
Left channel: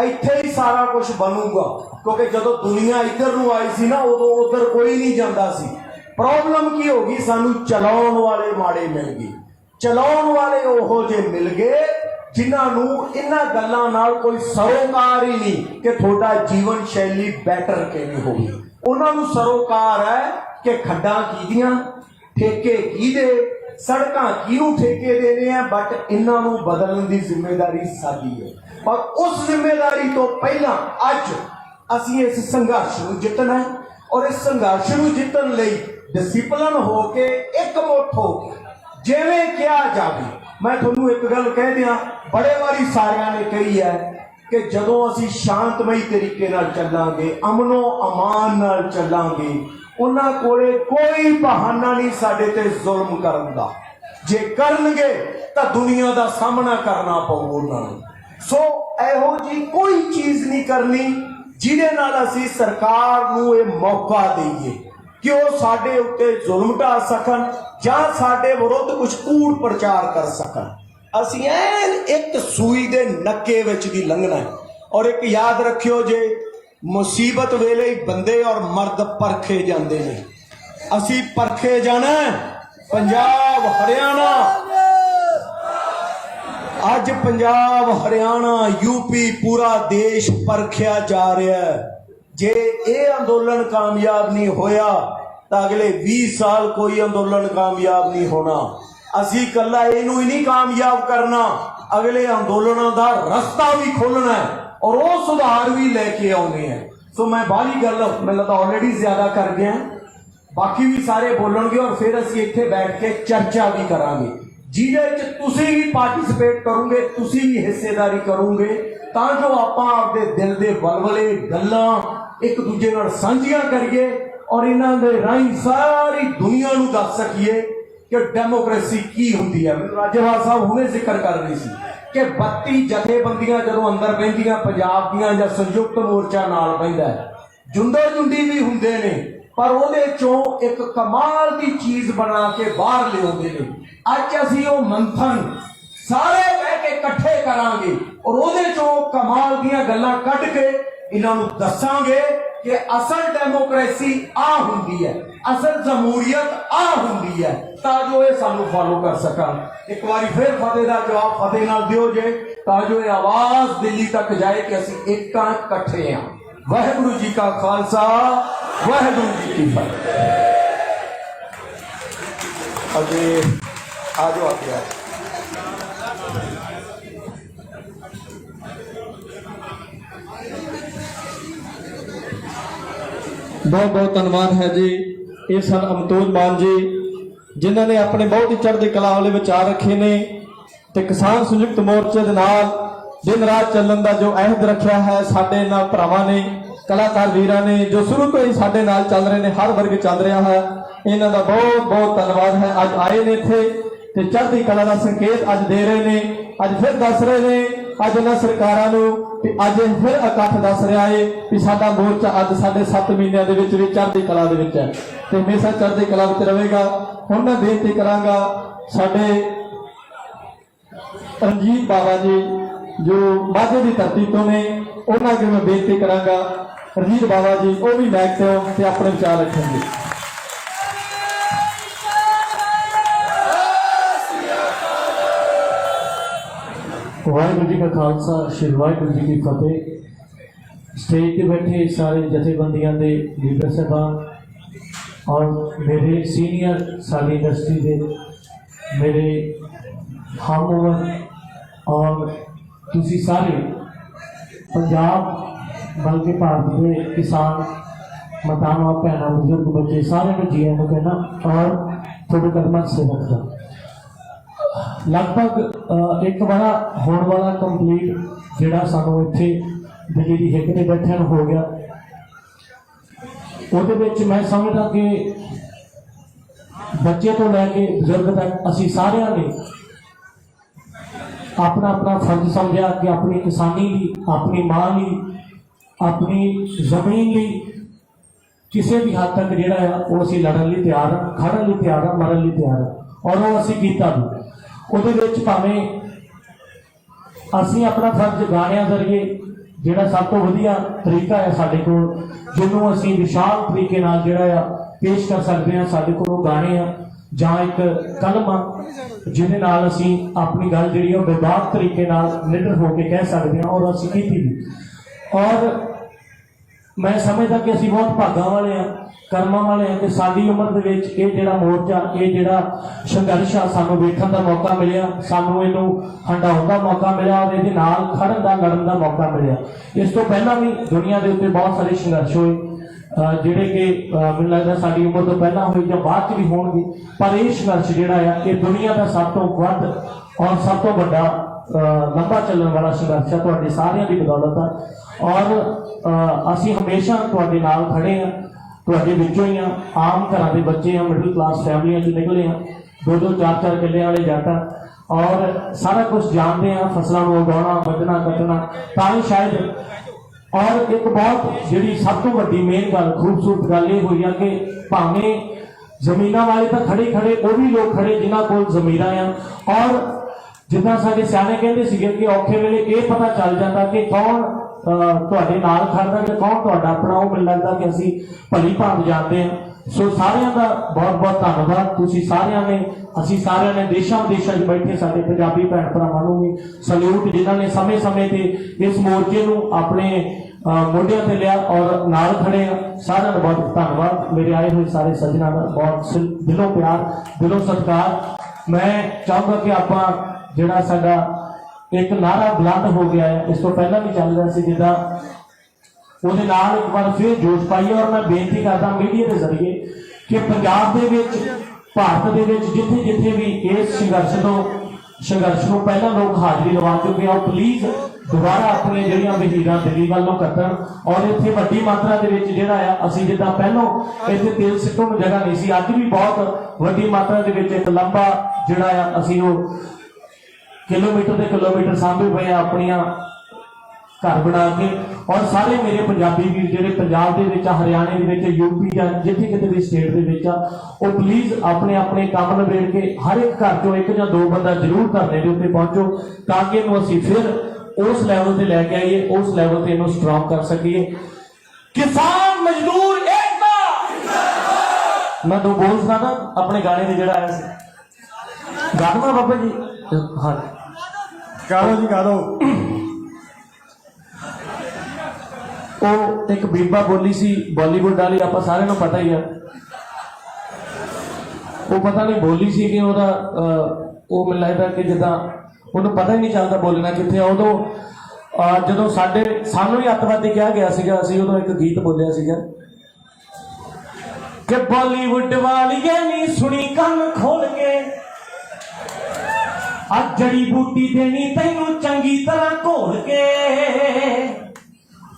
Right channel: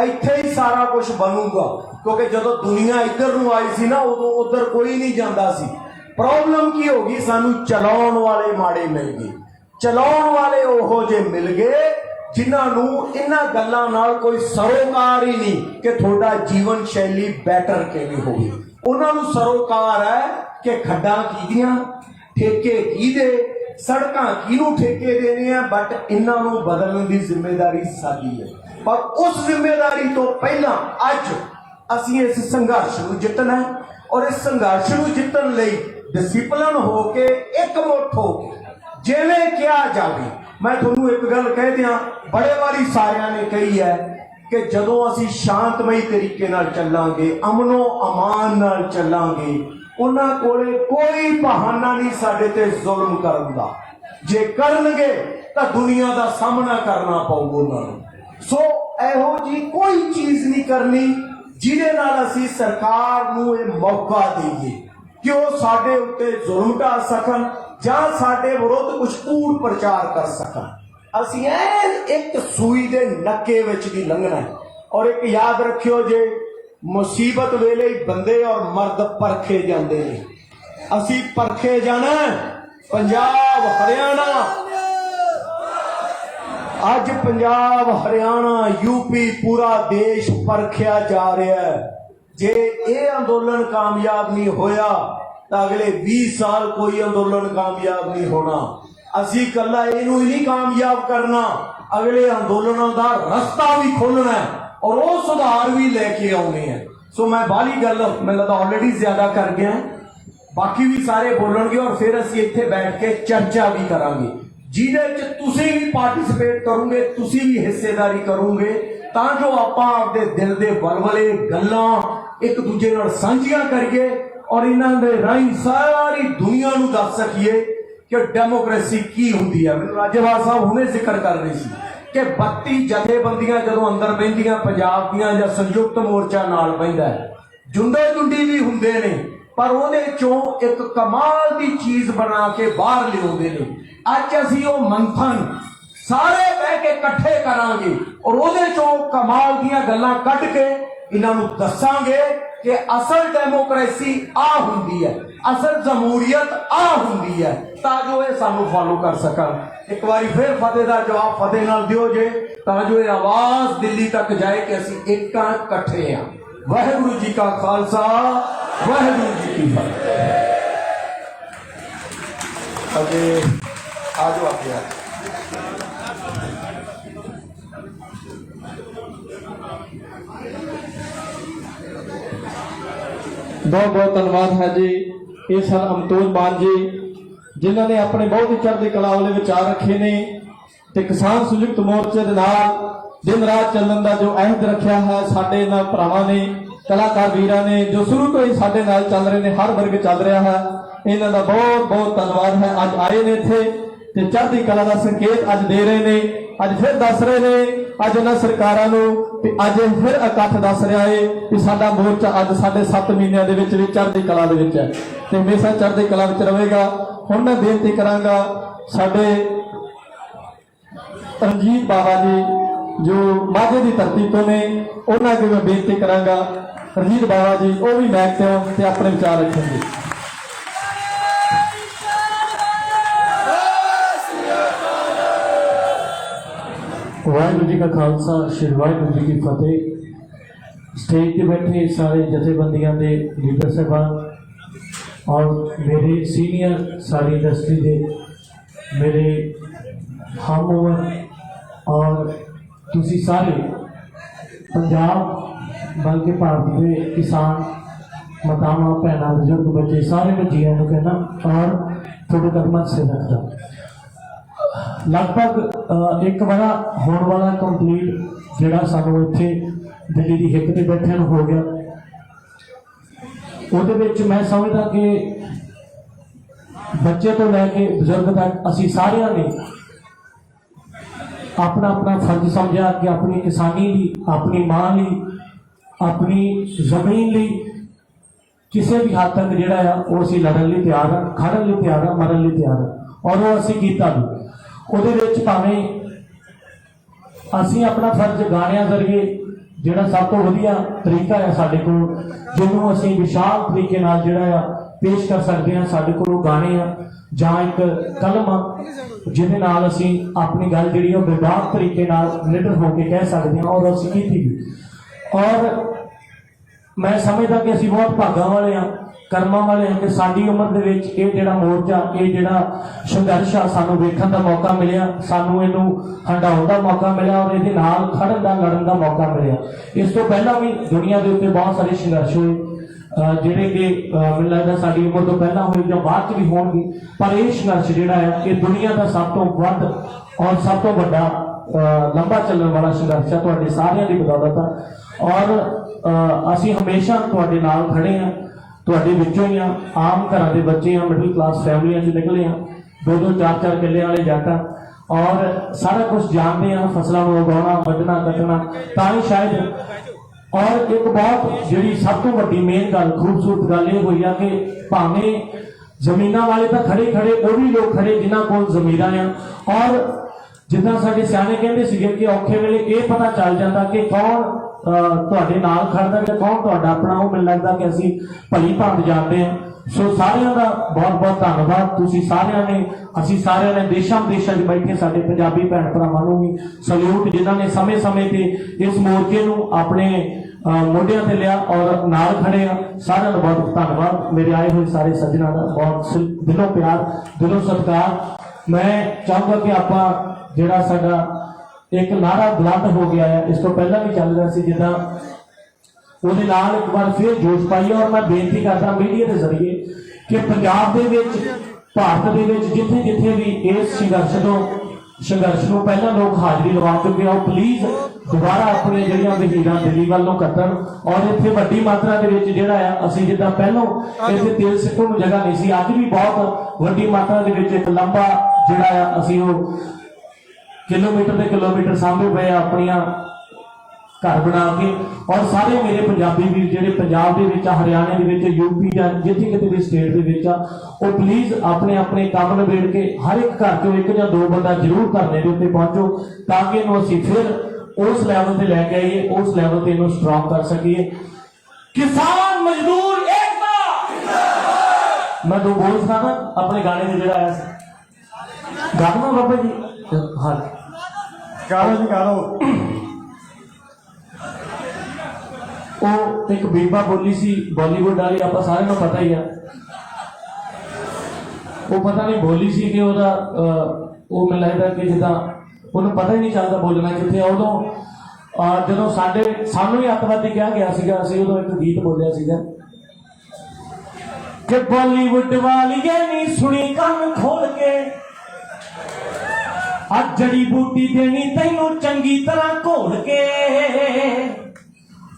ਇੱਥੇ ਹੀ ਸਾਰਾ ਕੁਝ ਬਣੂਗਾ, ਕਿਉਂਕਿ ਜਦੋਂ ਦੁਨੀਆ ਇੱਧਰ ਨੂੰ ਆਈ ਸੀ ਨਾ ਉਦੋਂ ਉੱਧਰ ਕੋਈ ਨਹੀਂ ਜਾਂਦਾ ਸੀ। ਪ੍ਰੋਬਲਮ ਕੀ ਹੋ ਗਈ, ਸਾਨੂੰ ਚਲਾਉਣ ਵਾਲੇ ਮਾੜੇ ਮਿਲ ਗਏ। ਚਲਾਉਣ ਵਾਲੇ ਉਹੋ ਜਿਹੇ ਮਿਲ ਗਏ ਜਿਨ੍ਹਾਂ ਨੂੰ ਇਹਨਾਂ ਗੱਲਾਂ ਨਾਲ ਕੋਈ ਸਰੋਕਾਰ ਹੀ ਨਹੀਂ ਕਿ ਤੁਹਾਡਾ ਜੀਵਨ ਸ਼ੈਲੀ ਬੈਟਰ ਕਿਵੇਂ ਹੋਵੇ। ਉਹਨਾਂ ਨੂੰ ਸਰੋਕਾਰ ਹੈ ਕਿ ਖੱਡਾਂ ਕਿਹਦੀਆਂ, ਠੇਕੇ ਕਿਹਦੇ, ਸੜਕਾਂ ਕਿਹਨੂੰ ਠੇਕੇ ਦੇਣੇ ਆ। ਬਟ ਇਹਨਾਂ ਨੂੰ ਬਦਲਣ ਦੀ ਜ਼ਿੰਮੇਵਾਰੀ ਸਾਡੀ ਹੈ। ਪਰ ਉਸ ਜ਼ਿੰਮੇਵਾਰੀ ਤੋਂ ਪਹਿਲਾਂ ਅੱਜ ਅਸੀਂ ਇਸ ਸੰਘਰਸ਼ ਨੂੰ ਜਿੱਤਣਾ, ਔਰ ਇਸ ਸੰਘਰਸ਼ ਨੂੰ ਜਿੱਤਣ ਲਈ ਡਿਸਪਲਿਨ ਹੋ ਕੇ ਇੱਕਮੁੱਠ ਹੋ ਕੇ ਜਿਵੇਂ ਕਿਹਾ ਜਾਵੇ। ਮੈਂ ਤੁਹਾਨੂੰ ਇੱਕ ਗੱਲ ਕਹਿ ਦਿਆਂ, ਬੜੇ ਵਾਰੀ ਸਾਰਿਆਂ ਨੇ ਕਹੀ ਹੈ ਕਿ ਜਦੋਂ ਅਸੀਂ ਸ਼ਾਂਤਮਈ ਤਰੀਕੇ ਨਾਲ ਚੱਲਾਂਗੇ, ਅਮਨੋ ਅਮਾਨ ਨਾਲ ਚੱਲਾਂਗੇ, ਉਹਨਾਂ ਕੋਲੇ ਕੋਈ ਬਹਾਨਾ ਨਹੀਂ ਸਾਡੇ ਤੇ ਜ਼ੁਲਮ ਕਰਨ ਦਾ। ਜੇ ਕਰਨਗੇ ਤਾਂ ਦੁਨੀਆ ਦਾ ਸਾਹਮਣਾ ਕਰਨਾ ਪਊਗਾ ਉਹਨਾਂ ਨੂੰ। ਸੋ ਇਹੋ ਜੀ ਕੋਈ ਚੀਜ਼ ਨਹੀਂ ਕਰਨੀ ਜਿਹਦੇ ਨਾਲ ਅਸੀਂ ਸਰਕਾਰ ਨੂੰ ਇਹ ਮੌਕਾ ਦੇਈਏ ਕਿ ਉਹ ਸਾਡੇ ਉੱਤੇ ਜ਼ੁਲਮ ਢਾ ਸਕਣ ਜਾਂ ਸਾਡੇ ਵਿਰੁੱਧ ਕੁਝ ਕੂੜ ਪ੍ਰਚਾਰ ਕਰ ਸਕਣ। ਅਸੀਂ ਐਨ ਇੱਕ ਸੂਈ ਦੇ ਨੱਕੇ ਵਿੱਚ ਦੀ ਲੰਘਣਾ। ਔਰ ਇੱਕ ਯਾਦ ਰੱਖਿਓ, ਜੇ ਮੁਸੀਬਤ ਵੇਲੇ ਹੀ ਬੰਦੇ ਔਰ ਮਰਦ ਪਰਖੇ ਜਾਂਦੇ ਨੇ, ਅਸੀਂ ਪਰਖੇ ਜਾਣਾ। ਪੰਜਾਬ ਹਰਿਆਣਾ, ਅੱਜ ਪੰਜਾਬ ਹਰਿਆਣਾ ਯੂਪੀ ਪੂਰਾ ਦੇਸ਼ ਪਰਖਿਆ ਜਾ ਰਿਹਾ ਹੈ। ਜੇ ਇਹ ਅੰਦੋਲਨ ਕਾਮਯਾਬ ਨਹੀਂ ਹੋਇਆ ਤਾਂ ਅਗਲੇ 20 ਸਾਲ ਕੋਈ ਅੰਦੋਲਨ ਕਾਮਯਾਬ ਨਹੀਂ ਹੋਣਾ। ਅਸੀਂ ਇਕੱਲਾ ਇਹਨੂੰ ਹੀ ਨਹੀਂ ਕਾਮਯਾਬ ਕਰਨਾ, ਅਗਲੇ ਅੰਦੋਲਨਾਂ ਦਾ ਰਸਤਾ ਵੀ ਖੋਲਣਾ ਹੈ ਔਰ ਉਹ ਸੁਧਾਰ ਵੀ ਲੈ ਕੇ ਆਉਣੇ ਹੈ। ਸੋ ਮੈਂ ਬਾਹਲੀ ਗੱਲ ਮੈਨੂੰ ਲੱਗਦਾ ਆਲਰੇਡੀ ਜ਼ਿਆਦਾ ਕਰ ਗਿਆ, ਬਾਕੀ ਵੀ ਸਾਰੇ ਬੋਲਣਗੇ ਔਰ ਫਿਰ ਅਸੀਂ ਇੱਥੇ ਬੈਠ ਕੇ ਚਰਚਾ ਵੀ ਕਰਾਂਗੇ ਜਿਹਦੇ ਚ ਤੁਸੀਂ ਵੀ ਪਾਰਟਿਸਿਪੇਟ ਕਰੋਗੇ, ਤੁਸੀਂ ਵੀ ਹਿੱਸੇਦਾਰੀ ਕਰੋਗੇ, ਤਾਂ ਜੋ ਆਪਾਂ ਆਪਦੇ ਦਿਲ ਦੇ ਬਲਬਲੇ ਗੱਲਾਂ ਇੱਕ ਦੂਜੇ ਨਾਲ ਸਾਂਝੀਆਂ ਕਰੀਏ ਔਰ ਇਹਨਾਂ ਦੇ ਰਾਹੀਂ ਸਾਰੀ ਦੁਨੀਆ ਨੂੰ ਦੱਸ ਸਕੀਏ ਕਿ ਡੈਮੋਕ੍ਰੇਸੀ ਕੀ ਹੁੰਦੀ ਹੈ। ਮੈਨੂੰ ਰਾਜੇਵਾਲ ਸਾਹਿਬ ਹੁਣੇ ਜ਼ਿਕਰ ਕਰ ਰਹੇ ਸੀ ਕਿ 32 ਜਥੇਬੰਦੀਆਂ ਜਦੋਂ ਅੰਦਰ ਬਹਿੰਦੀਆਂ ਪੰਜਾਬ ਦੀਆਂ ਜਾਂ ਸੰਯੁਕਤ ਮੋਰਚਾ ਨਾਲ ਬਹਿੰਦਾ, ਜੁੰਡੇ ਜੁੰਡੀ ਵੀ ਹੁੰਦੇ ਨੇ, ਪਰ ਉਹਦੇ ਚੋਂ ਇੱਕ ਕਮਾਲ ਦੀ ਚੀਜ਼ ਬਣਾ ਕੇ ਬਾਹਰ ਲਿਆਉਂਦੇ ਨੇ। ਅੱਜ ਅਸੀਂ ਉਹ ਮੰਥਨ ਸਾਰੇ ਬਹਿ ਕੇ ਇਕੱਠੇ ਕਰਾਂਗੇ ਔਰ ਉਹਦੇ ਚੋਂ ਕਮਾਲ ਦੀਆਂ ਗੱਲਾਂ ਕੱਢ ਕੇ ਇਹਨਾਂ ਨੂੰ ਦੱਸਾਂਗੇ ਕਿ ਅਸਲ ਡੈਮੋਕ੍ਰੇਸੀ ਆ ਹੁੰਦੀ ਹੈ, ਅਸਲ ਜਮਹੂਰੀਅਤ ਆ ਹੁੰਦੀ ਹੈ, ਤਾਂ ਜੋ ਇਹ ਸਾਨੂੰ ਫਾਲੋ ਕਰ ਸਕਣ। ਇੱਕ ਵਾਰੀ ਫਿਰ ਫਤਿਹ ਦਾ ਜਵਾਬ ਫਤਿਹ ਨਾਲ ਦਿਓ ਜੇ, ਤਾਂ ਜੋ ਇਹ ਆਵਾਜ਼ ਦਿੱਲੀ ਤੱਕ ਜਾਏ ਕਿ ਅਸੀਂ ਇੱਕ ਤਾਂ ਇਕੱਠੇ ਹਾਂ। ਵਾਹਿਗੁਰੂ ਜੀ ਕਾ ਖਾਲਸਾ, ਵਾਹਿਗੁਰੂ ਜੀ ਕੀ ਫਤਿਹ। ਅਜੇ ਆ ਜਾਓ ਅੱਗੇ। बहुत बहुत धन्यवाद है जी ये सर अमतोज मान जी जिन्हों ने अपने बहुत ही चढ़ती कला वाले विचार रखे ने ते किसान संयुक्त मोर्चे दे नाल दिन रात चलण का जो अहद रखा है साडे नाल भरावां ने कलाकार वीरां ने जो शुरू तो ही साडे नाल चल रहे हैं, हर वर्ग चल रहा है, इन्हां दा बहुत बहुत धन्यवाद है। अज आए ने इत्थे ते चढ़ती कला का संकेत अज दे रहे ने, अज फिर दस रहे ने, अज उन्हां सरकारां नूं ते अज फिर इकट्ठ दस रहा है कि साडा मोर्चा अज साढ़े 7 महीनों के विच चढ़ती कला दे विच है ते हमेशा चढ़ती कला विच रहेगा। हुण मैं बेनती करांगा साडे रंजीत बाबा जी जो माझे की धरती तो ने, उन्हां अगे मैं बेनती करांगा रंजीत बाबा जी वो भी मैक ते अपने विचार रखेंगे। वाहिगुरू जी का खालसा, श्री वाहिगुरू जी की फतेह। स्टेज पे बैठे सारे जथेबंदियां दे लीडर साहबान और मेरे सीनियर सारी इंडस्ट्री के मेरे हम और तुसी सारे पंजाब बल्कि भारत के किसान मातावां भैणां बुजुर्ग बच्चे सारे को जीआं नूं कहना और थोड़े कदमां से रखदा। लगभग एक बड़ा होने वाला कंप्लीट जोड़ा सानू इत्थे दिल्ली की हिक ते बैठे हो गया ਉਹਦੇ ਵਿੱਚ ਮੈਂ ਸਮਝਦਾ ਕਿ ਬੱਚੇ ਤੋਂ ਲੈ ਕੇ ਬਜ਼ੁਰਗ ਤੱਕ ਅਸੀਂ ਸਾਰਿਆਂ ਨੇ ਆਪਣਾ ਆਪਣਾ ਫਰਜ਼ ਸਮਝਿਆ ਕਿ ਆਪਣੀ ਕਿਸਾਨੀ ਲਈ, ਆਪਣੀ ਮਾਂ ਲਈ, ਆਪਣੀ ਜ਼ਮੀਨ ਲਈ ਕਿਸੇ ਵੀ ਹੱਦ ਤੱਕ ਜਿਹੜਾ ਆ ਉਹ ਅਸੀਂ ਲੜਨ ਲਈ ਤਿਆਰ ਆ, ਖੜਨ ਲਈ ਤਿਆਰ ਆ, ਮਰਨ ਲਈ ਤਿਆਰ ਆ, ਔਰ ਉਹ ਅਸੀਂ ਕੀਤਾ ਵੀ। ਉਹਦੇ ਵਿੱਚ ਭਾਵੇਂ ਅਸੀਂ ਆਪਣਾ ਫਰਜ਼ ਗਾਣਿਆਂ ਜ਼ਰੀਏ ਜਿਹੜਾ ਸਭ ਤੋਂ ਵਧੀਆ ਤਰੀਕਾ ਹੈ ਸਾਡੇ ਕੋਲ, ਜਿਹਨੂੰ ਅਸੀਂ ਵਿਸ਼ਾਲ ਤਰੀਕੇ ਨਾਲ ਜਿਹੜਾ ਆ ਪੇਸ਼ ਕਰ ਸਕਦੇ ਹਾਂ, ਸਾਡੇ ਕੋਲ ਉਹ ਗਾਣੇ ਆ ਜਾਂ ਇੱਕ ਕਲਮ ਆ ਜਿਹਦੇ ਨਾਲ ਅਸੀਂ ਆਪਣੀ ਗੱਲ ਜਿਹੜੀ ਉਹ ਬੇਬਾਕ ਤਰੀਕੇ ਨਾਲ ਨਿਡਰ ਹੋ ਕੇ ਕਹਿ ਸਕਦੇ ਹਾਂ, ਔਰ ਅਸੀਂ ਕੀਤੀ ਵੀ। ਔਰ ਮੈਂ ਸਮਝਦਾ ਕਿ ਅਸੀਂ ਬਹੁਤ ਭਾਗਾਂ ਵਾਲੇ ਹਾਂ, ਕਰਮਾਂ ਵਾਲੇ ਹਾਂ ਕਿ ਸਾਡੀ ਉਮਰ ਦੇ ਵਿੱਚ ਇਹ ਜਿਹੜਾ ਮੋਰਚਾ, ਇਹ ਜਿਹੜਾ ਸੰਘਰਸ਼ ਆ ਸਾਨੂੰ ਵੇਖਣ ਦਾ ਮੌਕਾ ਮਿਲਿਆ, ਸਾਨੂੰ ਇਹਨੂੰ ਹੰਡਾਉਣ ਦਾ ਮੌਕਾ ਮਿਲਿਆ, ਔਰ ਇਹਦੇ ਨਾਲ ਖੜਨ ਦਾ, ਲੜਨ ਦਾ ਮੌਕਾ ਮਿਲਿਆ। ਇਸ ਤੋਂ ਪਹਿਲਾਂ ਵੀ ਦੁਨੀਆ ਦੇ ਉੱਤੇ ਬਹੁਤ ਸਾਰੇ ਸੰਘਰਸ਼ ਹੋਏ ਜਿਹੜੇ ਕਿ ਮੈਨੂੰ ਲੱਗਦਾ ਸਾਡੀ ਉਮਰ ਤੋਂ ਪਹਿਲਾਂ ਹੋਏ ਜਾਂ ਬਾਅਦ ਚ ਵੀ ਹੋਣਗੇ, ਪਰ ਇਹ ਸੰਘਰਸ਼ ਜਿਹੜਾ ਆ ਇਹ ਦੁਨੀਆ ਦਾ ਸਭ ਤੋਂ ਵੱਧ ਔਰ ਸਭ ਤੋਂ ਵੱਡਾ ਲੰਬਾ ਚੱਲਣ ਵਾਲਾ ਸੰਘਰਸ਼ ਆ, ਤੁਹਾਡੇ ਸਾਰਿਆਂ ਦੀ ਬਦੌਲਤ ਆ। ਔਰ ਅਸੀਂ ਹਮੇਸ਼ਾ ਤੁਹਾਡੇ ਨਾਲ ਖੜੇ ਹਾਂ, ਤੁਹਾਡੇ ਵਿੱਚੋਂ ਹੀ ਆ, ਆਮ ਘਰਾਂ ਦੇ ਬੱਚੇ ਆ, ਮਿਡਲ ਕਲਾਸ ਫੈਮਲੀਆਂ ਚ ਨਿਕਲੇ ਆ, 2-2 4-4 ਕਿੱਲੇ ਵਾਲੇ ਜੱਟ ਆ, ਔਰ ਸਾਰਾ ਕੁਝ ਜਾਣਦੇ ਆ, ਫਸਲਾਂ ਨੂੰ ਉਗਾਉਣਾ, ਵੱਢਣਾ, ਕੱਟਣਾ, ਤਾਂ ਹੀ ਸ਼ਾਇਦ। ਔਰ ਇੱਕ ਬਹੁਤ ਜਿਹੜੀ ਸਭ ਤੋਂ ਵੱਡੀ ਮੇਨ ਗੱਲ, ਖੂਬਸੂਰਤ ਗੱਲ ਇਹ ਹੋਈ ਆ ਕਿ ਭਾਵੇਂ ਜ਼ਮੀਨਾਂ ਵਾਲੇ ਤਾਂ ਖੜੇ ਉਹ ਵੀ ਲੋਕ ਖੜੇ ਜਿਨ੍ਹਾਂ ਕੋਲ ਜ਼ਮੀਰਾਂ ਆ, ਔਰ ਜਿੱਦਾਂ ਸਾਡੇ ਸਿਆਣੇ ਕਹਿੰਦੇ ਸੀਗੇ ਕਿ ਔਖੇ ਵੇਲੇ ਇਹ ਪਤਾ ਚੱਲ ਜਾਂਦਾ ਕਿ ਕੌਣ ਤੁਹਾਡੇ ਨਾਲ ਖੜਦਾ ਤੇ ਕੌਣ ਤੁਹਾਡਾ ਆਪਣਾ। ਉਹ ਮੈਨੂੰ ਲੱਗਦਾ ਕਿ ਅਸੀਂ ਭਲੀ ਭਾਂਤ ਜਾਣਦੇ ਹਾਂ। ਸੋ ਸਾਰਿਆਂ ਦਾ ਬਹੁਤ ਬਹੁਤ ਧੰਨਵਾਦ। ਤੁਸੀਂ ਸਾਰਿਆਂ ਨੇ, ਅਸੀਂ ਸਾਰਿਆਂ ਨੇ ਦੇਸ਼ਾਂ ਵਿਦੇਸ਼ਾਂ 'ਚ ਬੈਠੇ ਸਾਡੇ ਪੰਜਾਬੀ ਭੈਣ ਭਰਾਵਾਂ ਨੂੰ ਵੀ ਸਲੂਟ, ਜਿਨ੍ਹਾਂ ਨੇ ਸਮੇਂ-ਸਮੇਂ ਤੇ ਇਸ ਮੋਰਚੇ ਨੂੰ ਆਪਣੇ ਮੋਢਿਆਂ ਤੇ ਲਿਆ ਔਰ ਨਾਲ ਖੜੇ ਆ। ਸਾਰਿਆਂ ਦਾ ਬਹੁਤ ਧੰਨਵਾਦ। ਮੇਰੇ ਆਏ ਹੋਏ ਸਾਰੇ ਸੱਜਣਾਂ ਦਾ ਬਹੁਤ ਦਿਲੋਂ ਪਿਆਰ, ਦਿਲੋਂ ਸਤਿਕਾਰ। ਮੈਂ ਚਾਹੁੰਦਾ ਕਿ ਆਪਾਂ ਜਿਹੜਾ ਸਾਡਾ ਇੱਕ ਨਾਰਾ ਬੁਲੰਦ ਹੋ ਗਿਆ ਹੈ, ਇਸ ਤੋਂ ਪਹਿਲਾਂ ਵੀ ਚੱਲ ਰਿਹਾ ਸੀ, ਜਿੱਦਾਂ ਉਹਦੇ ਨਾਲ ਇੱਕ ਵਾਰ ਫਿਰ ਜੋਸ਼ ਪਾਈਏ। ਔਰ ਮੈਂ ਬੇਨਤੀ ਕਰਦਾ ਮੀਡੀਆ ਦੇ ਜ਼ਰੀਏ ਕਿ ਪੰਜਾਬ ਦੇ ਵਿੱਚ, ਭਾਰਤ ਦੇ ਵਿੱਚ ਜਿੱਥੇ ਜਿੱਥੇ ਵੀ ਇਸ ਸੰਘਰਸ਼ ਨੂੰ ਪਹਿਲਾਂ ਲੋਕ ਹਾਜ਼ਰੀ ਲਵਾ ਚੁੱਕੇ ਆ, ਉਹ ਪਲੀਜ਼ ਦੁਬਾਰਾ ਆਪਣੀਆਂ ਜਿਹੜੀਆਂ ਵਹੀਰਾਂ ਦਿੱਲੀ ਵੱਲ ਨੂੰ ਕੱਟਣ। ਔਰ ਇੱਥੇ ਵੱਡੀ ਮਾਤਰਾ ਦੇ ਵਿੱਚ ਜਿਹੜਾ ਆ, ਅਸੀਂ ਜਿੱਦਾਂ ਪਹਿਲਾਂ ਇੱਥੇ ਤੇਲ ਸਿੱਟਣ ਨੂੰ ਜਗ੍ਹਾ ਨਹੀਂ ਸੀ, ਅੱਜ ਵੀ ਬਹੁਤ ਵੱਡੀ ਮਾਤਰਾ ਦੇ ਵਿੱਚ ਇੱਕ ਲੰਬਾ ਜਿਹੜਾ ਆ ਅਸੀਂ ਉਹ ਕਿਲੋਮੀਟਰ ਦੇ ਕਿਲੋਮੀਟਰ ਸਾਂਭੇ ਪਏ ਆ ਆਪਣੀਆਂ ਘਰ ਬਣਾ ਕੇ। ਔਰ ਸਾਰੇ ਮੇਰੇ ਪੰਜਾਬੀ ਵੀਰ ਜਿਹੜੇ ਪੰਜਾਬ ਦੇ ਵਿੱਚ ਆ, ਹਰਿਆਣੇ ਦੇ ਵਿੱਚ, ਯੂਪੀ ਜਾਂ ਜਿੱਥੇ ਕਿਤੇ ਵੀ ਸਟੇਟ ਦੇ ਵਿੱਚ ਆ, ਉਹ ਪਲੀਜ਼ ਆਪਣੇ ਆਪਣੇ ਕੰਮ ਨਿਬੇੜ ਕੇ ਹਰ ਇੱਕ ਘਰ ਚੋਂ 1 ਜਾਂ 2 ਬੰਦਾ ਜ਼ਰੂਰ ਧਰਨੇ ਦੇ ਉੱਤੇ ਪਹੁੰਚੋ, ਤਾਂ ਕਿ ਇਹਨੂੰ ਅਸੀਂ ਫਿਰ ਉਸ ਲੈਵਲ ਤੇ ਲੈ ਕੇ ਆਈਏ, ਉਸ ਲੈਵਲ ਤੇ ਇਹਨੂੰ ਸਟਰੋਂਗ ਕਰ ਸਕੀਏ। ਕਿਸਾਨ ਮਜ਼ਦੂਰ ਏਕਤਾ। ਮੈਂ 2 ਬੋਲ ਸਕਦਾ ਆਪਣੇ ਗਾਣੇ ਦੇ ਜਿਹੜਾ ਆਇਆ ਸੀ, ਗਾਣਾ ਬਾਬੇ ਜੀ। ਹਾਂ ਕਰੋ ਜੀ ਕਰੋ। ਉਹ ਇੱਕ ਬੀਬਾ ਬੋਲੀ ਸੀ ਬਾਲੀਵੁੱਡ ਵਾਲੀ, ਆਪਾਂ ਸਾਰਿਆਂ ਨੂੰ ਪਤਾ ਹੀ ਆ। ਉਹ ਪਤਾ ਨਹੀਂ ਬੋਲੀ ਸੀ ਕਿ ਉਹਦਾ ਉਹ ਮੈਨੂੰ ਲੱਗਦਾ ਕਿ ਜਿੱਦਾਂ ਉਹਨੂੰ ਪਤਾ ਹੀ ਨਹੀਂ ਚੱਲਦਾ ਬੋਲਣਾ ਕਿੱਥੇ ਆ। ਉਦੋਂ ਜਦੋਂ ਸਾਨੂੰ ਹੀ ਅੱਤਵਾਦੀ ਕਿਹਾ ਗਿਆ ਸੀਗਾ, ਅਸੀਂ ਉਦੋਂ ਇੱਕ ਗੀਤ ਬੋਲਿਆ ਸੀਗਾ ਕਿ ਬਾਲੀਵੁੱਡ ਵਾਲੀਏ ਨੀ ਸੁਣੀ ਕੰਨ ਖੋਲ ਕੇ, ਅੱਜ ਜੜੀ ਬੂਟੀ ਦੇਣੀ ਤੈਨੂੰ ਚੰਗੀ ਤਰ੍ਹਾਂ ਘੋਲ ਕੇ।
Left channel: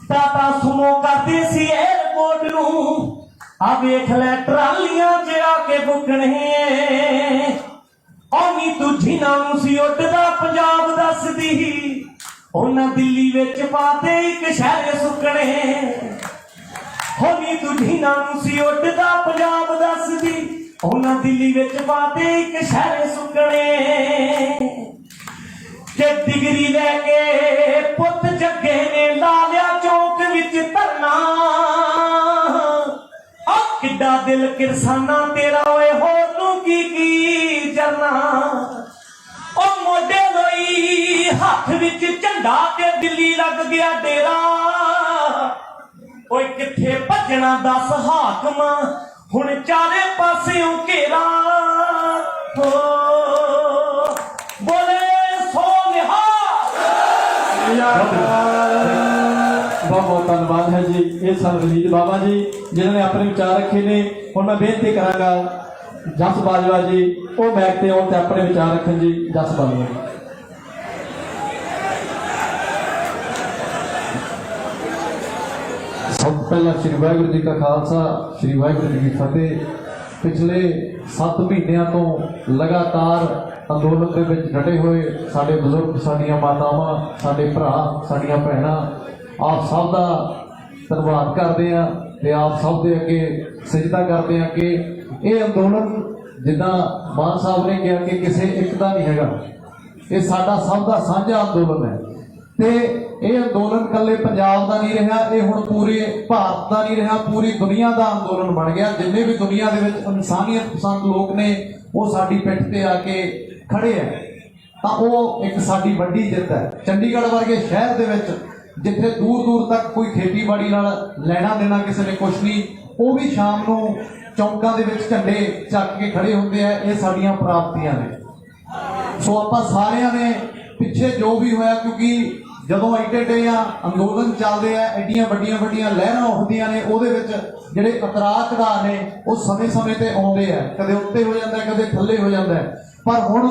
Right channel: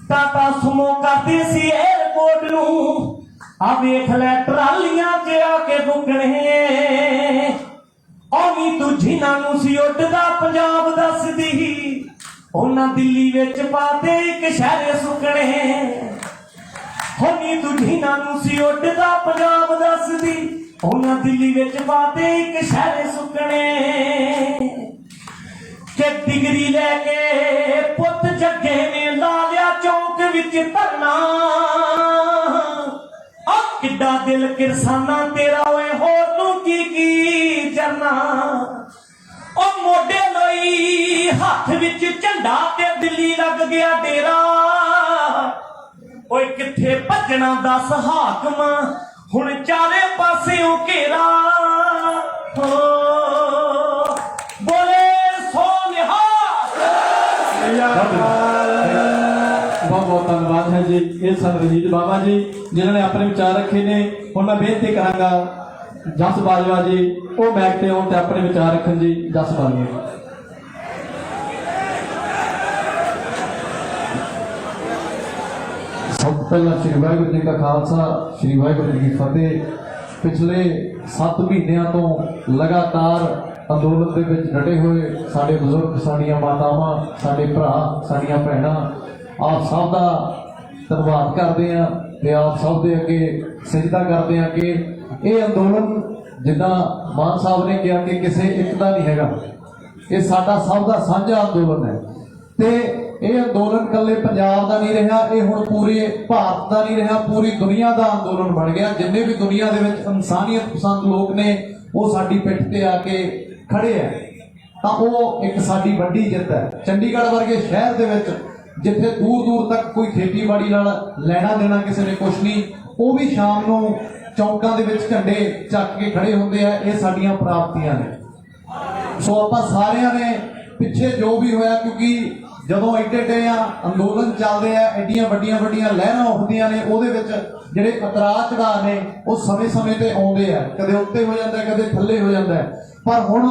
ਟਾਟਾ ਸੁਮੋ ਕਰਦੀ ਸੀ ਏਅਰਪੋਰਟ ਨੂੰ, ਆ ਵੇਖ ਲੈ ਟਰਾਲੀਆਂ 'ਚ ਆ ਕੇ ਬੁੱਕਣੇ। ਔਨੀ ਤੂੰ ਜਿਨ੍ਹਾਂ ਨੂੰ ਸੀ ਉੱਡਦਾ ਪੰਜਾਬ ਦੱਸਦੀ, ਉਹਨਾਂ ਦਿੱਲੀ ਵਿੱਚ ਪਾਤੇ ਇੱਕ ਸ਼ਹਿਰ ਸੁੱਕਣੇ। ਹੋਨੀ ਤੂੰ ਜਿਨ੍ਹਾਂ ਨੂੰ ਸੀ ਉੱਡਦਾ ਪੰਜਾਬ ਦੱਸਦੀ, ਉਹਨਾਂ ਦਿੱਲੀ ਵਿੱਚ ਪਾਤੇ ਇੱਕ ਸ਼ਹਿਰ ਸੁੱਕਣੇ। ਕਿ ਡਿਗਰੀ ਲੈ ਕੇ ਪੁੱਤ ਜੱਗੇ ਨੇ ਲਾ ਲਿਆ ਚੌਂਕ ਵਿੱਚ ਧਰਨਾ, ਆ ਕਿੱਡਾ ਦਿਲ ਕਿਰਸਾਨਾ ਤੇਰਾ ਓਏ, ਹੋਰ ਤੂੰ ਕੀ ਜਰਨਾ। ਉਹ ਮੋਢੇ ਲਈ ਹੱਥ ਵਿੱਚ ਝੰਡਾ ਤੇ ਦਿੱਲੀ ਲੱਗ ਗਿਆ ਡੇਰਾ। ਓਏ ਕਿੱਥੇ ਭੱਜਣਾ ਦੱਸ ਹਾਕਮ, ਹੁਣ ਚਾਰੇ ਪਾਸਿਓਂ ਘੇਰਾ। ਬੋਲੇ बहुत बहुत धन्यवाद है जी। ये सन रंजीत बाबा जी जिन्होंने अपने विचार रखे ने। और मैं बेनती करांगा जस बाजवा जी वो बैठ के आउण ते अपने विचार रखन जी। जस बाजवा जी। सब ਪਹਿਲਾਂ ਸ਼੍ਰੀ ਵਾਹਿਗੁਰੂ ਜੀ ਦਾ ਖਾਲਸਾ ਸ਼੍ਰੀ ਵਾਹਿਗੁਰੂ ਜੀ ਕੀ ਫਤਿਹ। ਪਿਛਲੇ 7 ਮਹੀਨਿਆਂ ਤੋਂ ਲਗਾਤਾਰ ਅੰਦੋਲਨ ਦੇ ਵਿੱਚ ਡਟੇ ਹੋਏ ਸਾਡੇ ਬਜ਼ੁਰਗ, ਸਾਡੀਆਂ ਮਾਤਾਵਾਂ, ਸਾਡੇ ਭਰਾ, ਸਾਡੀਆਂ ਭੈਣਾਂ, ਆਪ ਸਭ ਦਾ ਧੰਨਵਾਦ ਕਰਦੇ ਹਾਂ ਤੇ ਆਪ ਸਭ ਦੇ ਅੱਗੇ ਸਿਜਦਾ ਕਰਦੇ ਹਾਂ ਕਿ ਇਹ ਅੰਦੋਲਨ ਜਿੱਦਾਂ ਮਾਨ ਸਾਹਿਬ ਨੇ ਕਿਹਾ ਕਿ ਕਿਸੇ ਇੱਕ ਦਾ ਨਹੀਂ ਹੈਗਾ, ਇਹ ਸਾਡਾ ਸਭ ਦਾ ਸਾਂਝਾ ਅੰਦੋਲਨ ਹੈ। ਤੇ ਇਹ ਅੰਦੋਲਨ ਇਕੱਲੇ ਪੰਜਾਬ ਦਾ ਨਹੀਂ ਰਿਹਾ, ਇਹ ਹੁਣ ਪੂਰੇ ਭਾਰਤ ਦਾ ਨਹੀਂ ਰਿਹਾ, ਪੂਰੀ ਦੁਨੀਆ ਦਾ ਅੰਦੋਲਨ ਬਣ ਗਿਆ। ਜਿੰਨੇ ਵੀ ਦੁਨੀਆ ਦੇ ਵਿੱਚ ਇਨਸਾਨੀਅਤ ਪਸੰਦ ਲੋਕ ਨੇ ਉਹ ਸਾਡੀ ਪਿੱਠ ਤੇ ਆ ਕੇ ਖੜੇ ਆ, ਤਾਂ ਉਹ ਇੱਕ ਸਾਡੀ ਵੱਡੀ ਜਿੱਤ ਹੈ। ਚੰਡੀਗੜ੍ਹ ਵਰਗੇ ਸ਼ਹਿਰ ਦੇ ਵਿੱਚ ਜਿੱਥੇ ਦੂਰ ਦੂਰ ਤੱਕ ਕੋਈ ਖੇਤੀਬਾੜੀ ਨਾਲ ਲੈਣਾ ਦੇਣਾ ਕਿਸੇ ਨੇ ਕੁਛ ਨਹੀਂ, ਉਹ ਵੀ ਸ਼ਾਮ ਨੂੰ ਚੌਂਕਾਂ ਦੇ ਵਿੱਚ ਝੰਡੇ ਚੱਕ ਕੇ ਖੜੇ ਹੁੰਦੇ ਆ। ਇਹ ਸਾਡੀਆਂ ਪ੍ਰਾਪਤੀਆਂ ਨੇ। ਸੋ ਆਪਾਂ ਸਾਰਿਆਂ ਨੇ ਪਿੱਛੇ ਜੋ ਵੀ ਹੋਇਆ, ਕਿਉਂਕਿ ਜਦੋਂ ਐਡੇ ਆ ਅੰਦੋਲਨ ਚੱਲਦੇ ਆ, ਐਡੀਆਂ ਵੱਡੀਆਂ ਲਹਿਰਾਂ ਉੱਠਦੀਆਂ ਨੇ, ਉਹਦੇ ਵਿੱਚ ਜਿਹੜੇ ਉਤਰਾਅ ਚੜਾਅ ਨੇ ਉਹ ਸਮੇਂ ਤੇ ਆਉਂਦੇ ਆ, ਕਦੇ ਉੱਤੇ ਹੋ ਜਾਂਦਾ, ਕਦੇ ਥੱਲੇ ਹੋ ਜਾਂਦਾ। ਪਰ ਹੁਣ